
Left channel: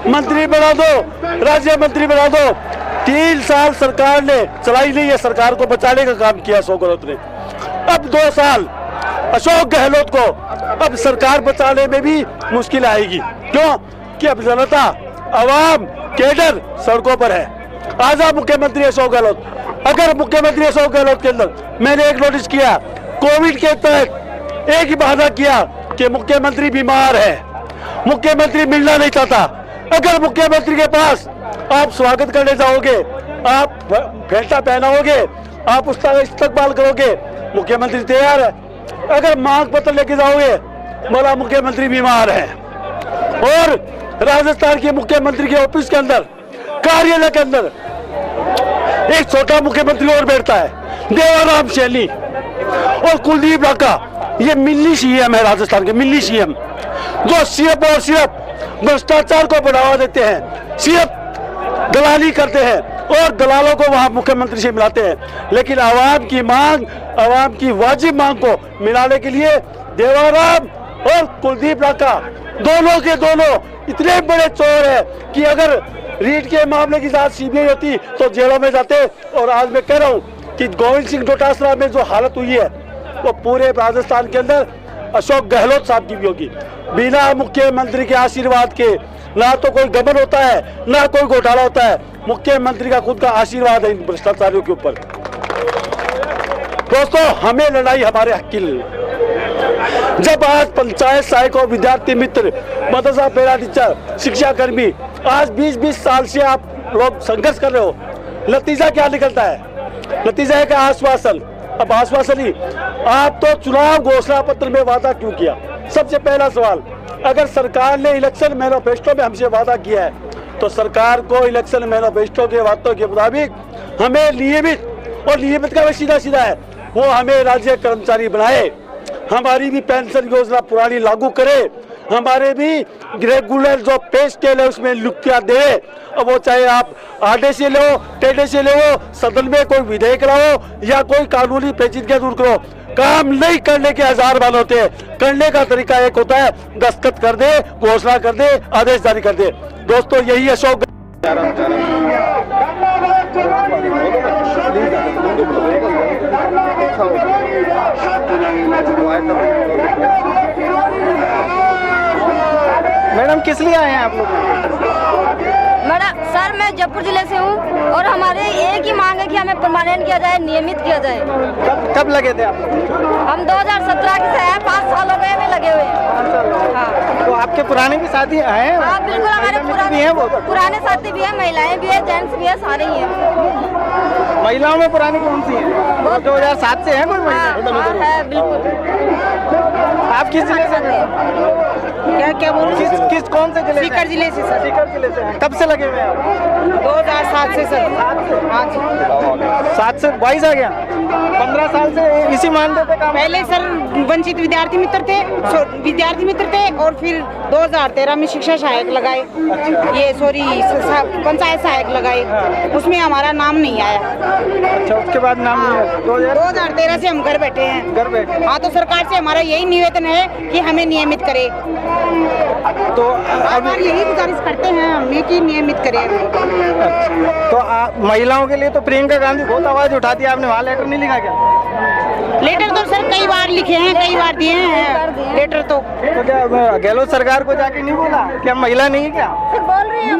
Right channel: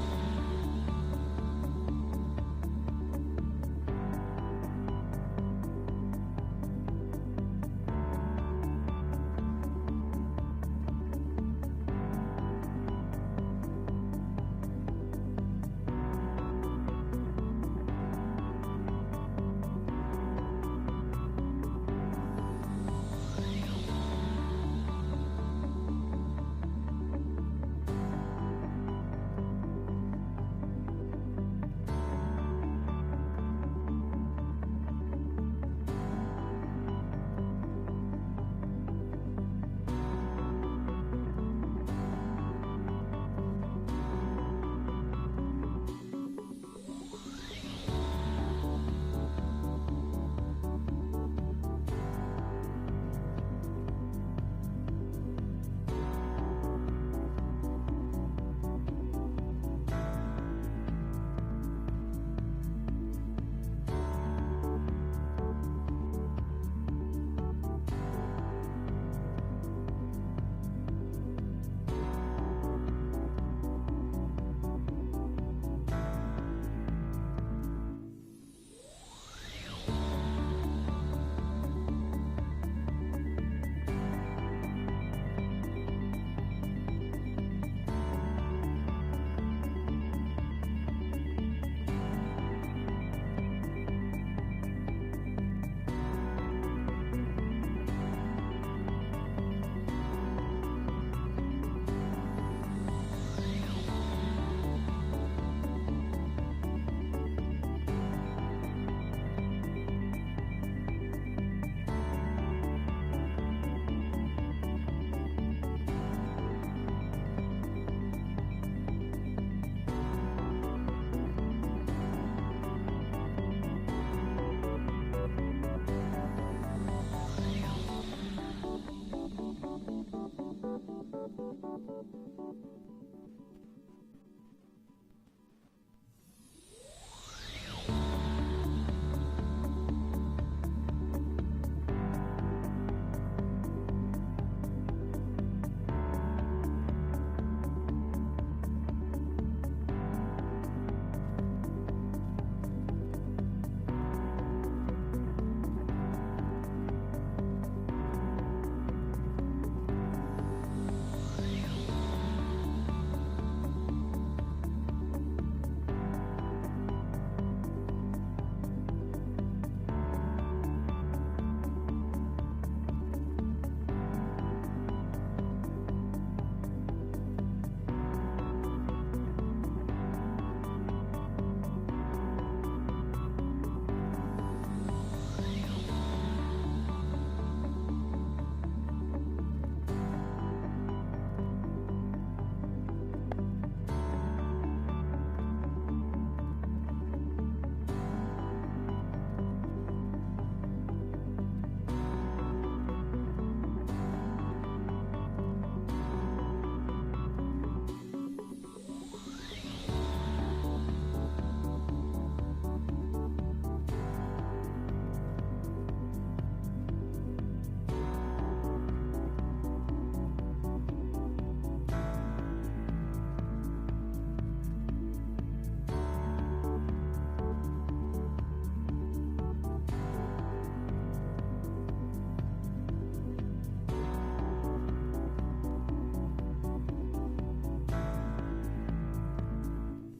मंत्री बना दो, राज्य मंत्री बना दो। 3 साल सरकार ने चलाई नहीं है, सरकार को बचाने का काम किया अशोक गहलोत ने। अब 2 साल अशोक गहलोत को अब सरकार बचाने में भी मुश्किल आएगी। क्यों? कि अब जनता, अवाम, कैडर सड़कों पर है। आजा मुख्यमंत्री अशोक गहलोत। अगर मुख्यमंत्री अशोक गहलोत के अंदर मैंने एक नोटिस किया, कोविड के तहत एक ही बहाना किया कि मुख्यमंत्री बीमार है, मुख्यमंत्री मिलना नहीं चाहता। अगर मुख्यमंत्री के पास आप स्वागत करने जाओगे, आप घंटा पहनाओगे, आप उसका इस्तकबाल करोगे, मुख्यमंत्री तैयार है। अगर मांग पत्र लेके जाओगे, बोला मुख्यमंत्री बीमार है। और राजस्थान के मुख्यमंत्री के ऑफिस के अंदर, कार्यालय के अंदर एक छोटा मुख्यमंत्री और बैठता है, देवाराम शैली और कुलदीप लाका। ये मिनी CM है राजस्थान के, मिनी CM, जो सिर्फ और सिर्फ भ्रष्टाचार को बढ़ावा देते हैं, सिर्फ दलाली करते हैं और दलालों को वहां मुख्यमंत्री से मिलाते हैं। लेकिन आवाम की मांग, आवाम की वाजिब मांग को मिलाने के लिए देवाराम और कुलदीप लाका दोनों के दोनों इतने बड़े चोर है कि अगर रीट के मामले की जांच CBI होती तो जेलों में जाते। और आज मैं कह रहा हूँ कि गोविंद सिंह डोटासरा में जो हालत हुई है वो पूरे राजस्थान के अंदर अशोक गहलोत साहब की भी होगी। बिना मुख्यमंत्री के आशीर्वाद के ना तो कोई गबन होता है, ना कोई घोटाला होता है। मुख्यमंत्री का खुद का आशीर्वाद है इन भ्रष्टाचारियों के ऊपर। दोस्तों, हमें लड़ाई हमारे हक की लड़ी। जब आज पंचायत सहायक और विद्यार्थी मित्र, मदरसा पैरा टीचर, शिक्षा कर्मी आज 20-20 साल से आप लोग संघर्ष कर रहे हो, नतीजा क्या निकलता है? नतीजा है कि आश्वासन। अब आश्वासन ही, आप तो चुनाव घोषणा पत्र में वादा क्यों किया? सबसे पहला सवाल, अगर सरकार ने इलेक्शन मैनिफेस्टो में हमसे वादा किया है तो सरकार को इलेक्शन मैनिफेस्टो के वादों के मुताबिक हमें नियमित, और नियमित का सीधा सीधा है, वो हमें राज्य कर्मचारी बनाए, हमारी भी पेंशन योजना पुरानी लागू करे, हमारे भी रेगुलर जो पे स्केल है उसमें लुकिया दे। अब वो चाहे आप आधे से लो, टेढ़े से लो, सदन में कोई विधेयक लाओ या कोई कानूनी पेचीदगी दूर करो, काम नहीं करने के हजार बाल होते हैं। करने का तरीका एक होता है, दस्तखत कर दे, घोषणा कर दे, आदेश जारी कर दे। दोस्तों यही अशोक मैडम किस लिए आए हैं आप लोग? मैडम सर मैं जयपुर जिले से हूँ और हमारे एक ही मांग है कि हमें परमानेंट किया जाए, नियमित किया जाए। कब लगे थे आप? हम 2017 के से हैं, 5 साल हो गए हमें लगे हुए हैं। हाँ। तो आपके पुराने भी साथी हैं? हाँ बिल्कुल, हमारे पुराने साथी भी हैं, महिलाएं भी हैं, जेंट्स भी हैं, सारे ही हैं। महिलाओं में पुरानी कौन सी है? 2007 से है कोई महिला? है बिल्कुल। आप किस जिले से? क्या बोल रहे हैं? किस कौन से जिले? सीकर जिले से सर। सीकर जिले से हैं। कब से लगे हुए हैं आप? 2007 से सर। हाँ जी। 7 से 22 आ गया। 15 साल से इसी मानते थे काम? पहले सर वंचित विद्यार्थी मित्र थे और फिर 2013 में शिक्षा सहायक लगाए, ये सॉरी पंचायत सहायक लगाए, उसमें हमारा नाम नहीं आया। अच्छा, उसके बाद नाम नहीं आया। 2013 से हम घर बैठे हैं। घर बैठे? हाँ, तो सरकार से हमारा यही निवेदन है कि हमें नियमित करे। तो हमारी यही गुजारिश करते हैं हमें कि नियमित करें। तो महिलाओं के लिए तो प्रियंका गांधी बहुत आवाज उठाती है, आपने वहाँ लेटर नहीं लिखा क्या? लेटर तो सर कई बार लिखे हैं, कई बार दिए हैं लेटर। तो क्या गहलोत सरकार को जाके नहीं बोला कि हम महिला नहीं है क्या?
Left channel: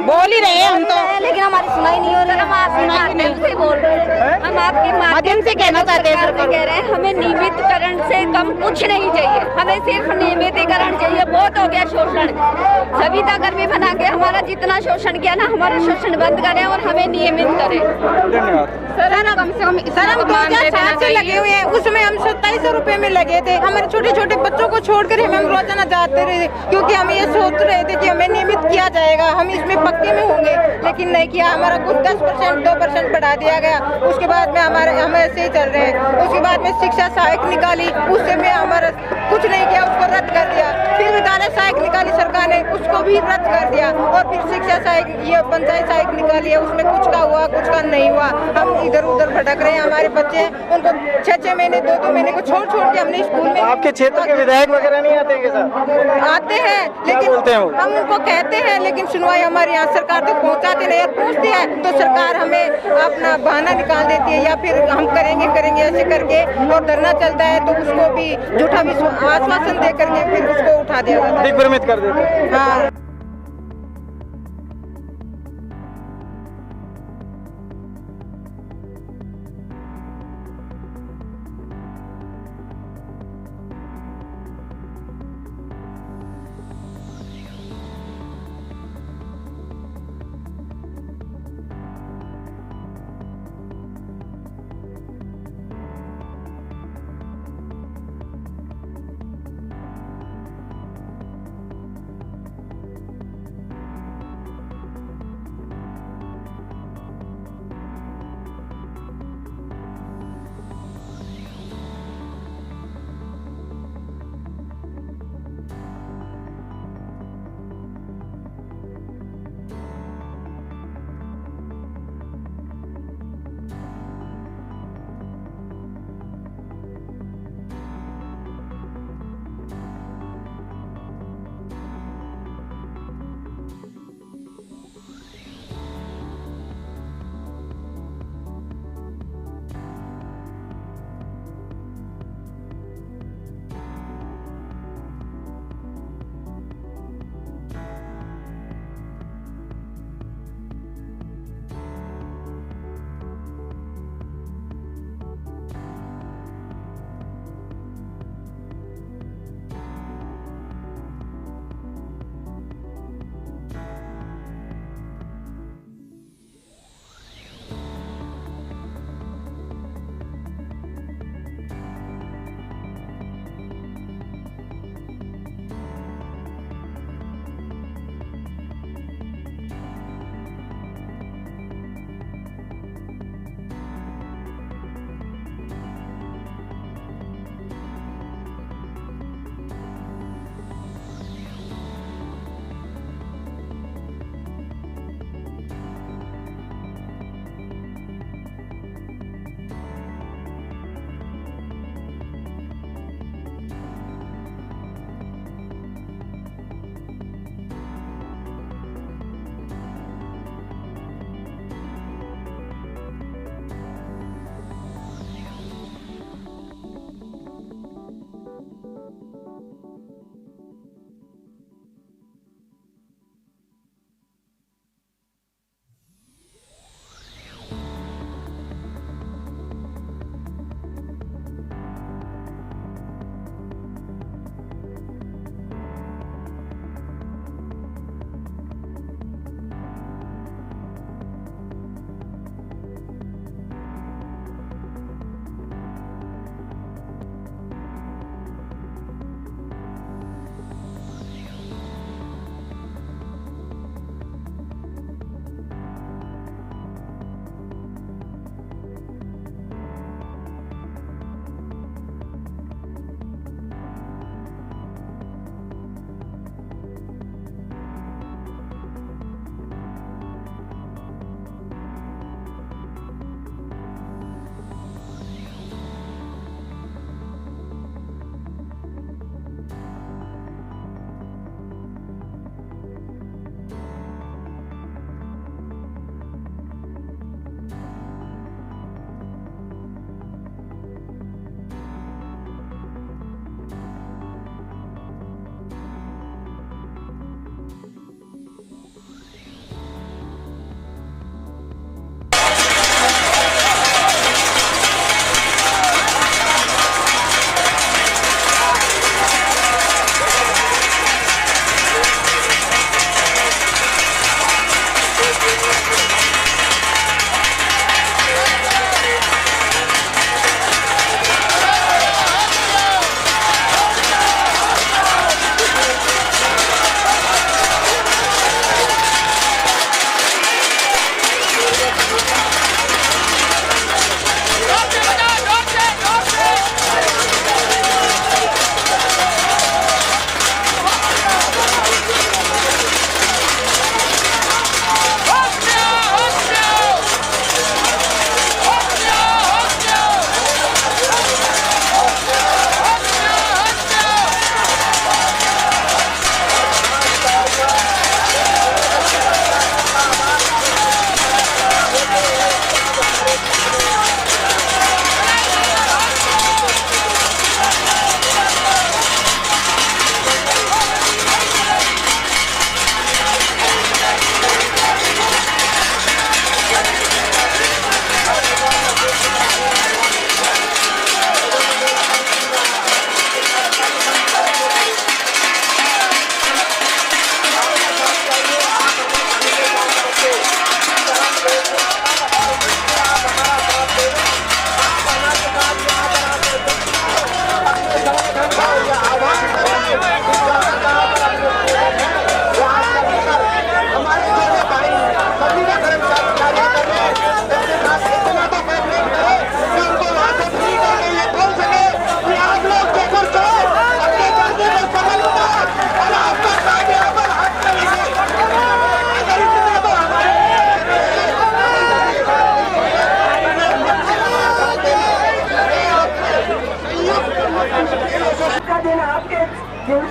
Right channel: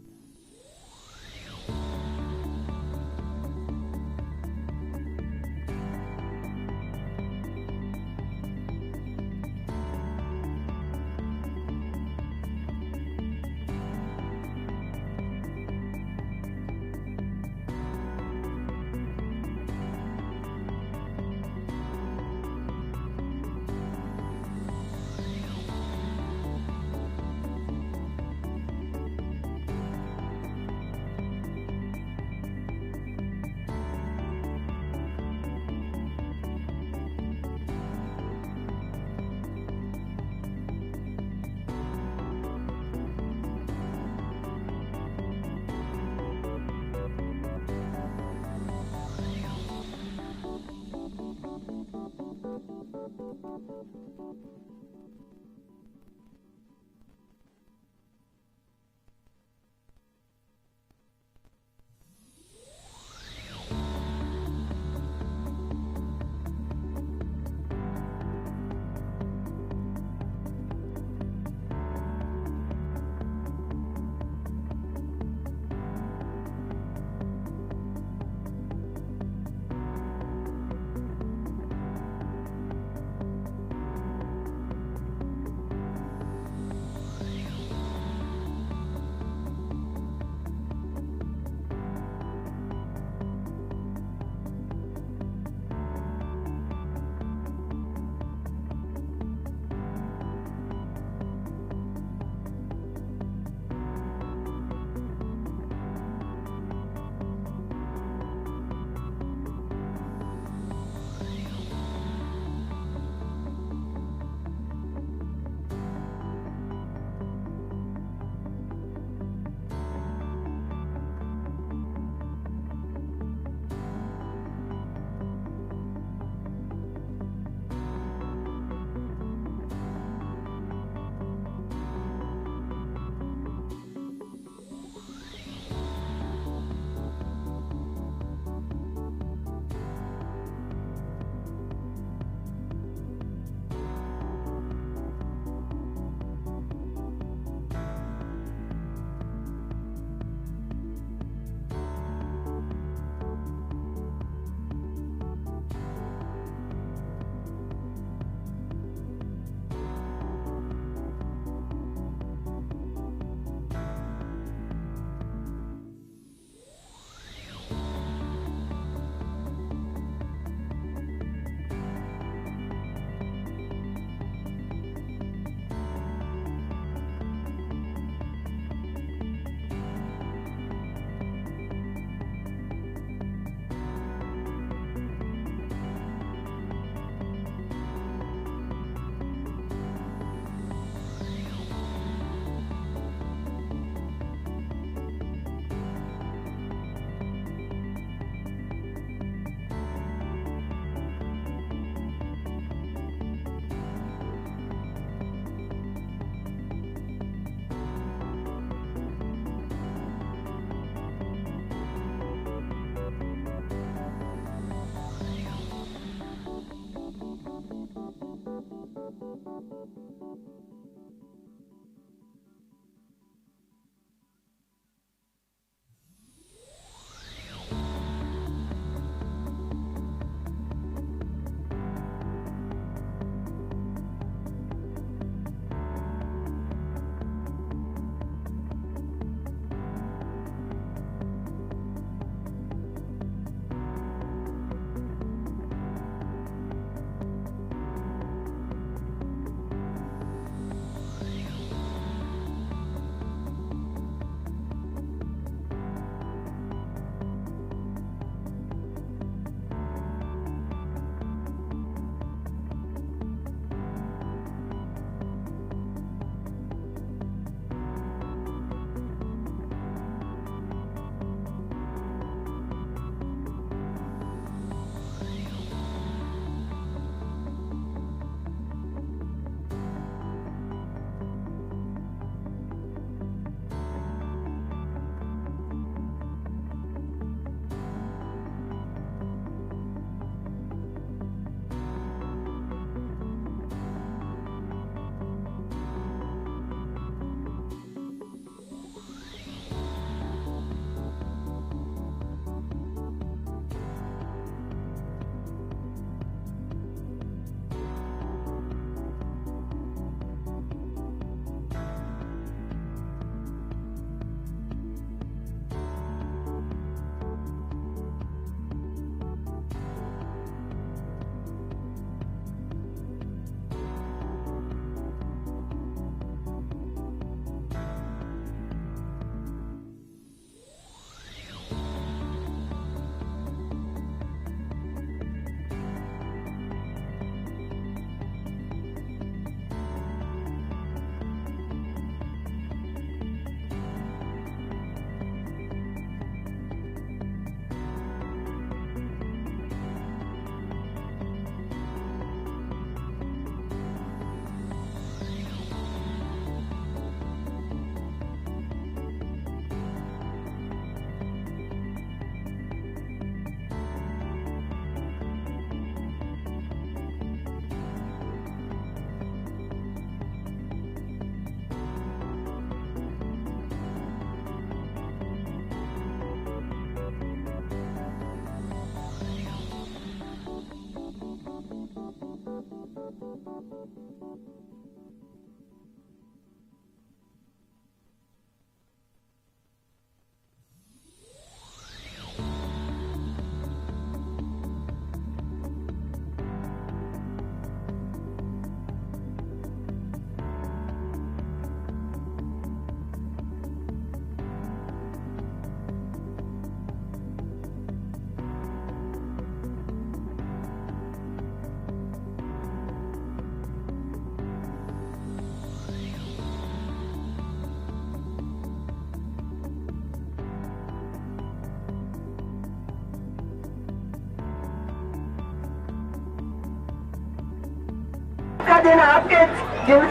बोल ही रहे हैं हम तो, लेकिन हमारी सुनाई नहीं हो रही। हम आपके माध्यम से बोल रहे हैं, हम आपके माध्यम से कहना चाहते हैं। सरकार कह रहे हैं हमें नियमितकरण से कम कुछ नहीं चाहिए, हमें सिर्फ नियमितीकरण चाहिए। बहुत हो गया शोषण, सविता कर्मी बना के हमारा जितना शोषण किया ना, हमारा शोषण बंद करें और हमें नियमित करें। धन्यवाद। सर हम 2007 से लगे हुए हैं, उसमें हम 2700 रुपए में लगे थे। हमारे छोटे छोटे बच्चों को छोड़कर हम रोजाना जाते रहे, क्योंकि हम ये सोच रहे थे कि हमें नियमित किया जाएगा, हम इसमें पक्के में होंगे, लेकिन नहीं किया। हमारा कुछ 10% 2% बढ़ा दिया गया। उसके बाद में हम ऐसे ही चल रहे हैं। उसके बाद में शिक्षा सहायक निकाली, उससे में हमारा कुछ नहीं किया, उसको रद्द कर दिया। फिर विद्यालय सहायक निकाली सरकार ने, उसको भी रद्द कर दिया। और फिर शिक्षा सहायक, ये पंचायत सहायक निकाली है, उसमें कुछ का हुआ कुछ का नहीं हुआ। हम इधर उधर भटक रहे हैं। हमारे बच्चे उनको 6-6 महीने 2-2 महीने को छोड़ के हमने स्कूल में। आपके क्षेत्र के विधायक वगैरह नहीं आते हैं सर? आते हैं, लेकिन हम उनको कहते हैं, लेकिन सुनवाई हमारे यहाँ सरकार तक पहुँचाते नहीं। पूछते हैं तो सरकार हमें अपना बहाना निकाल देती है, या फिर हम करेंगे ऐसे करके, और धरना चलता है तो उसको भी झूठा आश्वासन दे करके फिर उसको उठा दिया जाता है, दिग्भ्रमित कर देते हैं। हाँ।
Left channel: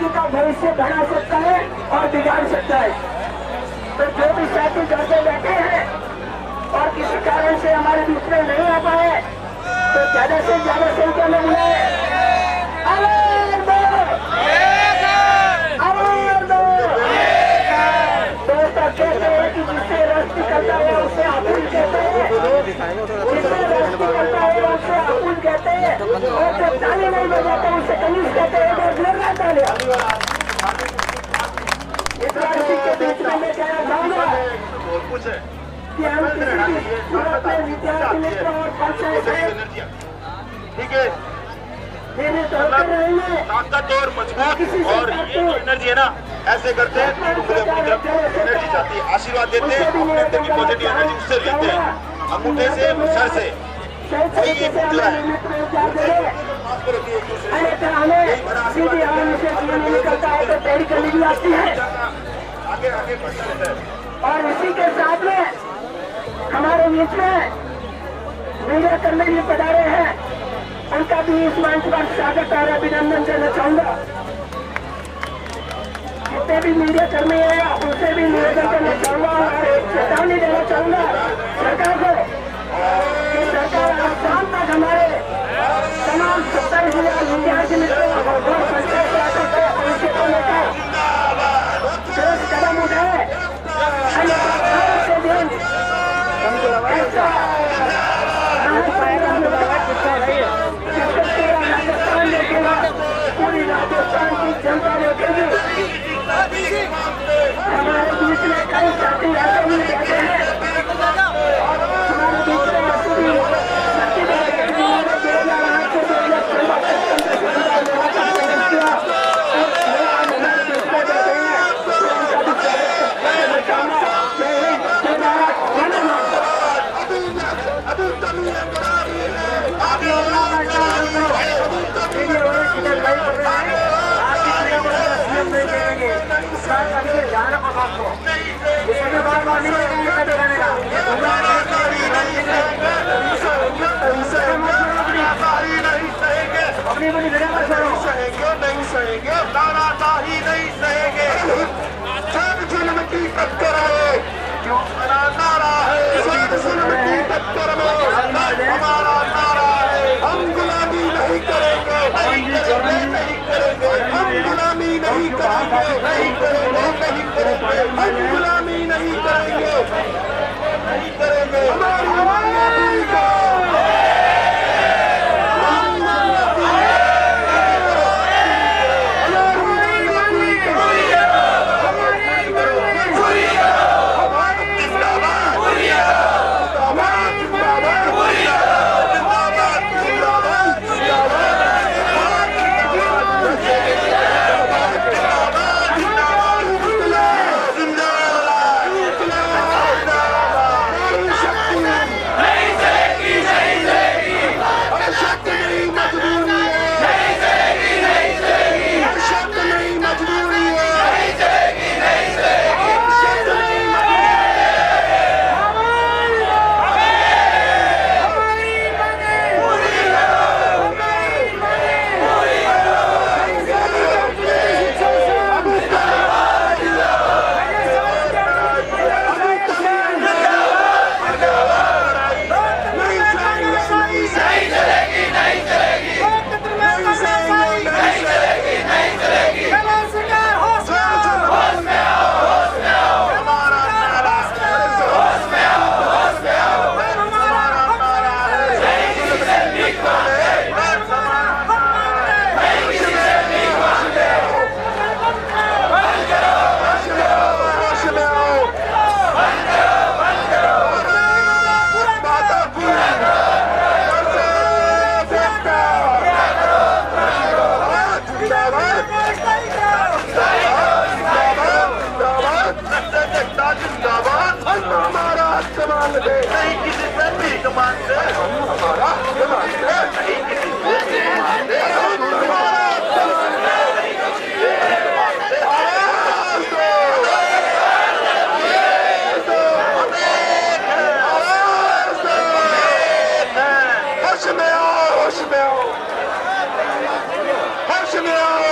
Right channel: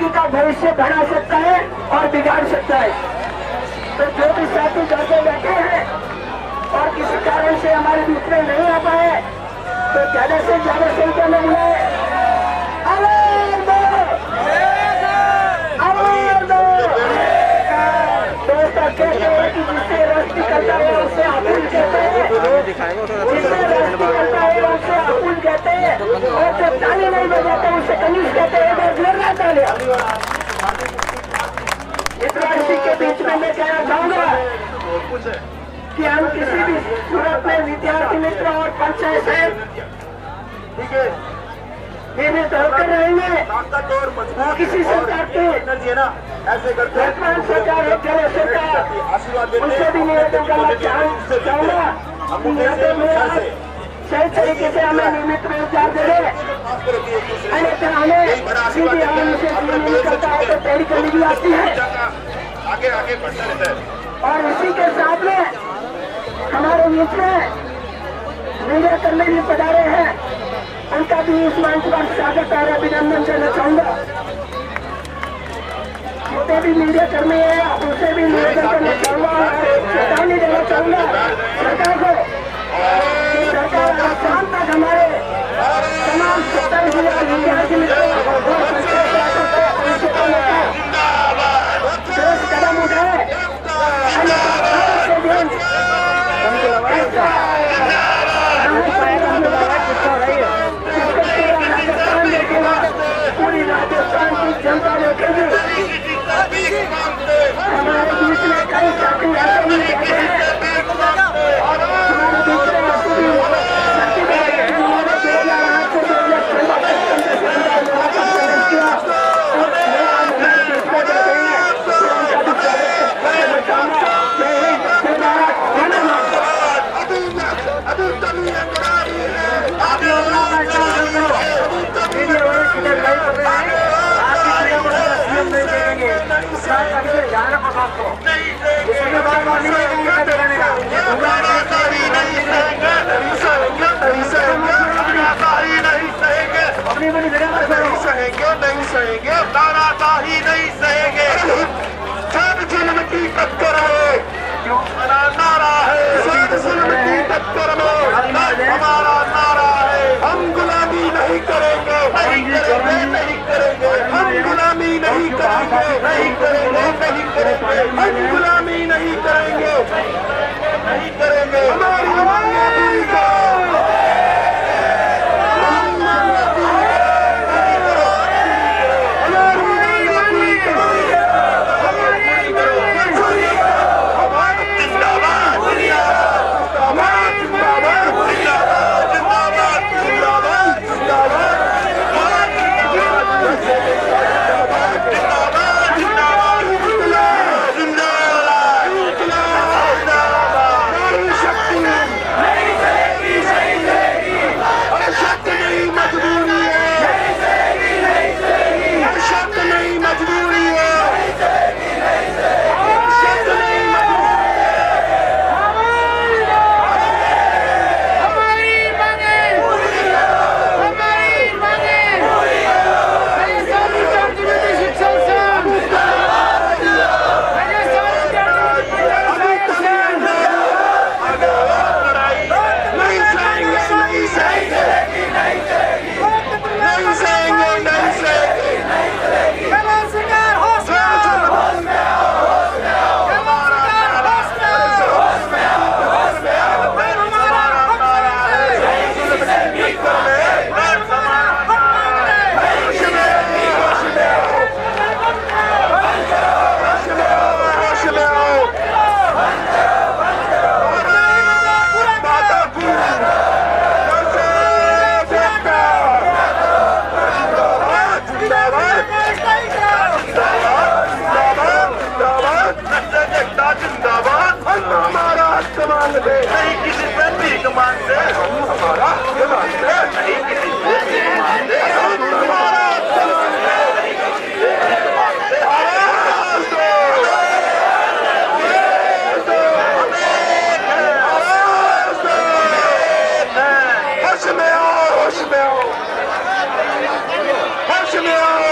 किसी का भविष्य बना सकता है और बिगाड़ सकता है। तो जो भी साथी घर पे बैठे हैं और किसी कारण से हमारे बीच में नहीं आ पाए तो ज्यादा से ज्यादा संख्या में बुलाए। दोस्तों कहते हैं कि जिससे रस निकलता है उसे आपुल कहते हैं, जिससे रस निकलता है उसे आपुल कहते हैं, और जब ताली नहीं बजाते उसे कनीज कहते हैं। इस बार इसी के बीच में मैं कहना चाहूंगा कि हम किसी भी सूरत में विद्यार्थी मित्र और पंचायत ठीक है नियमित होकर रहेंगे। ताकत और मजबूत किसी और एनर्जी है ना, ऐसे करते हैं आशीर्वाद देते हैं, अपनी पॉजिटिव एनर्जी उससे लेते हैं, अंगूठे से सर से सही तरीके से हमें नियमित में उपचार दे रहे। अन्यथा हमें सीधी हवा से नहीं निकलता है तो तैयारी करनी भी आती है। आगे आगे बढ़ता रहता है। और इसी के साथ में हमारे बीच में मीडिया कर्मी भी पधारे हैं, उनका भी इस मंच पर स्वागत और अभिनंदन करना चाहूंगा। जितने भी मीडिया कर्मी हैं उनसे भी निवेदन करना चाहूंगा और चेतावनी देना चाहूंगा सरकार को कि सरकार आज शाम तक हमारे तमाम 27,000 विद्यार्थी मित्रों और पंचायत ठोस कदम उठाए। पूरी राजस्थान की जनता देखेगी। हमारे बीच में कई साथी ऐसे भी रहते हैं, हमारे बीच में ऐसे भी नहीं सहेंगे, नाराज़गी नहीं सहेंगे। जब जुल्म की टक्कर है क्यों हमारा नारा है, जब जुल्म की टक्कर में हमारा नारा है, हम गुलामी नहीं करेंगे, नहीं करेंगे, नहीं करेंगे, हम गुलामी नहीं करेंगे, नहीं करेंगे, नहीं करेंगे, हम गुलामी नहीं करेंगे, नहीं करेंगे। हमारी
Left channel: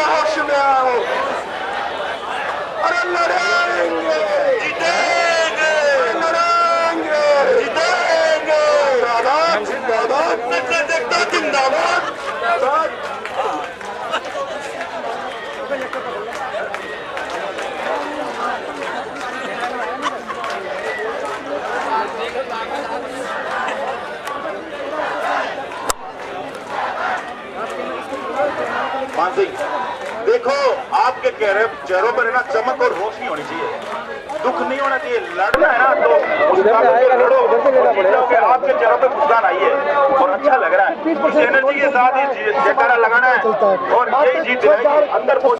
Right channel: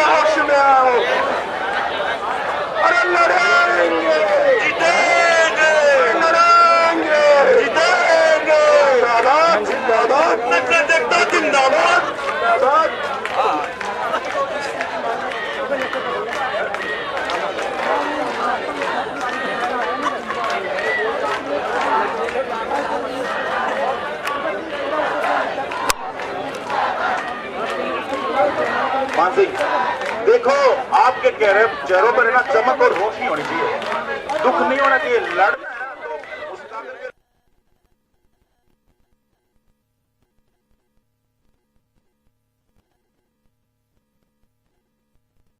होश में आओ, कह रहे चेहरों पर ना चमक और रोशनी होनी चाहिए, दुख नहीं होना चाहिए। लड़ना है ना तो मुस्कुराते लड़ो, आपके चेहरों पे मुस्कान आई है और अच्छा लग रहा है। इस एनर्जी के साथ ही जयकारा लगाना है और यही जीत है अंदर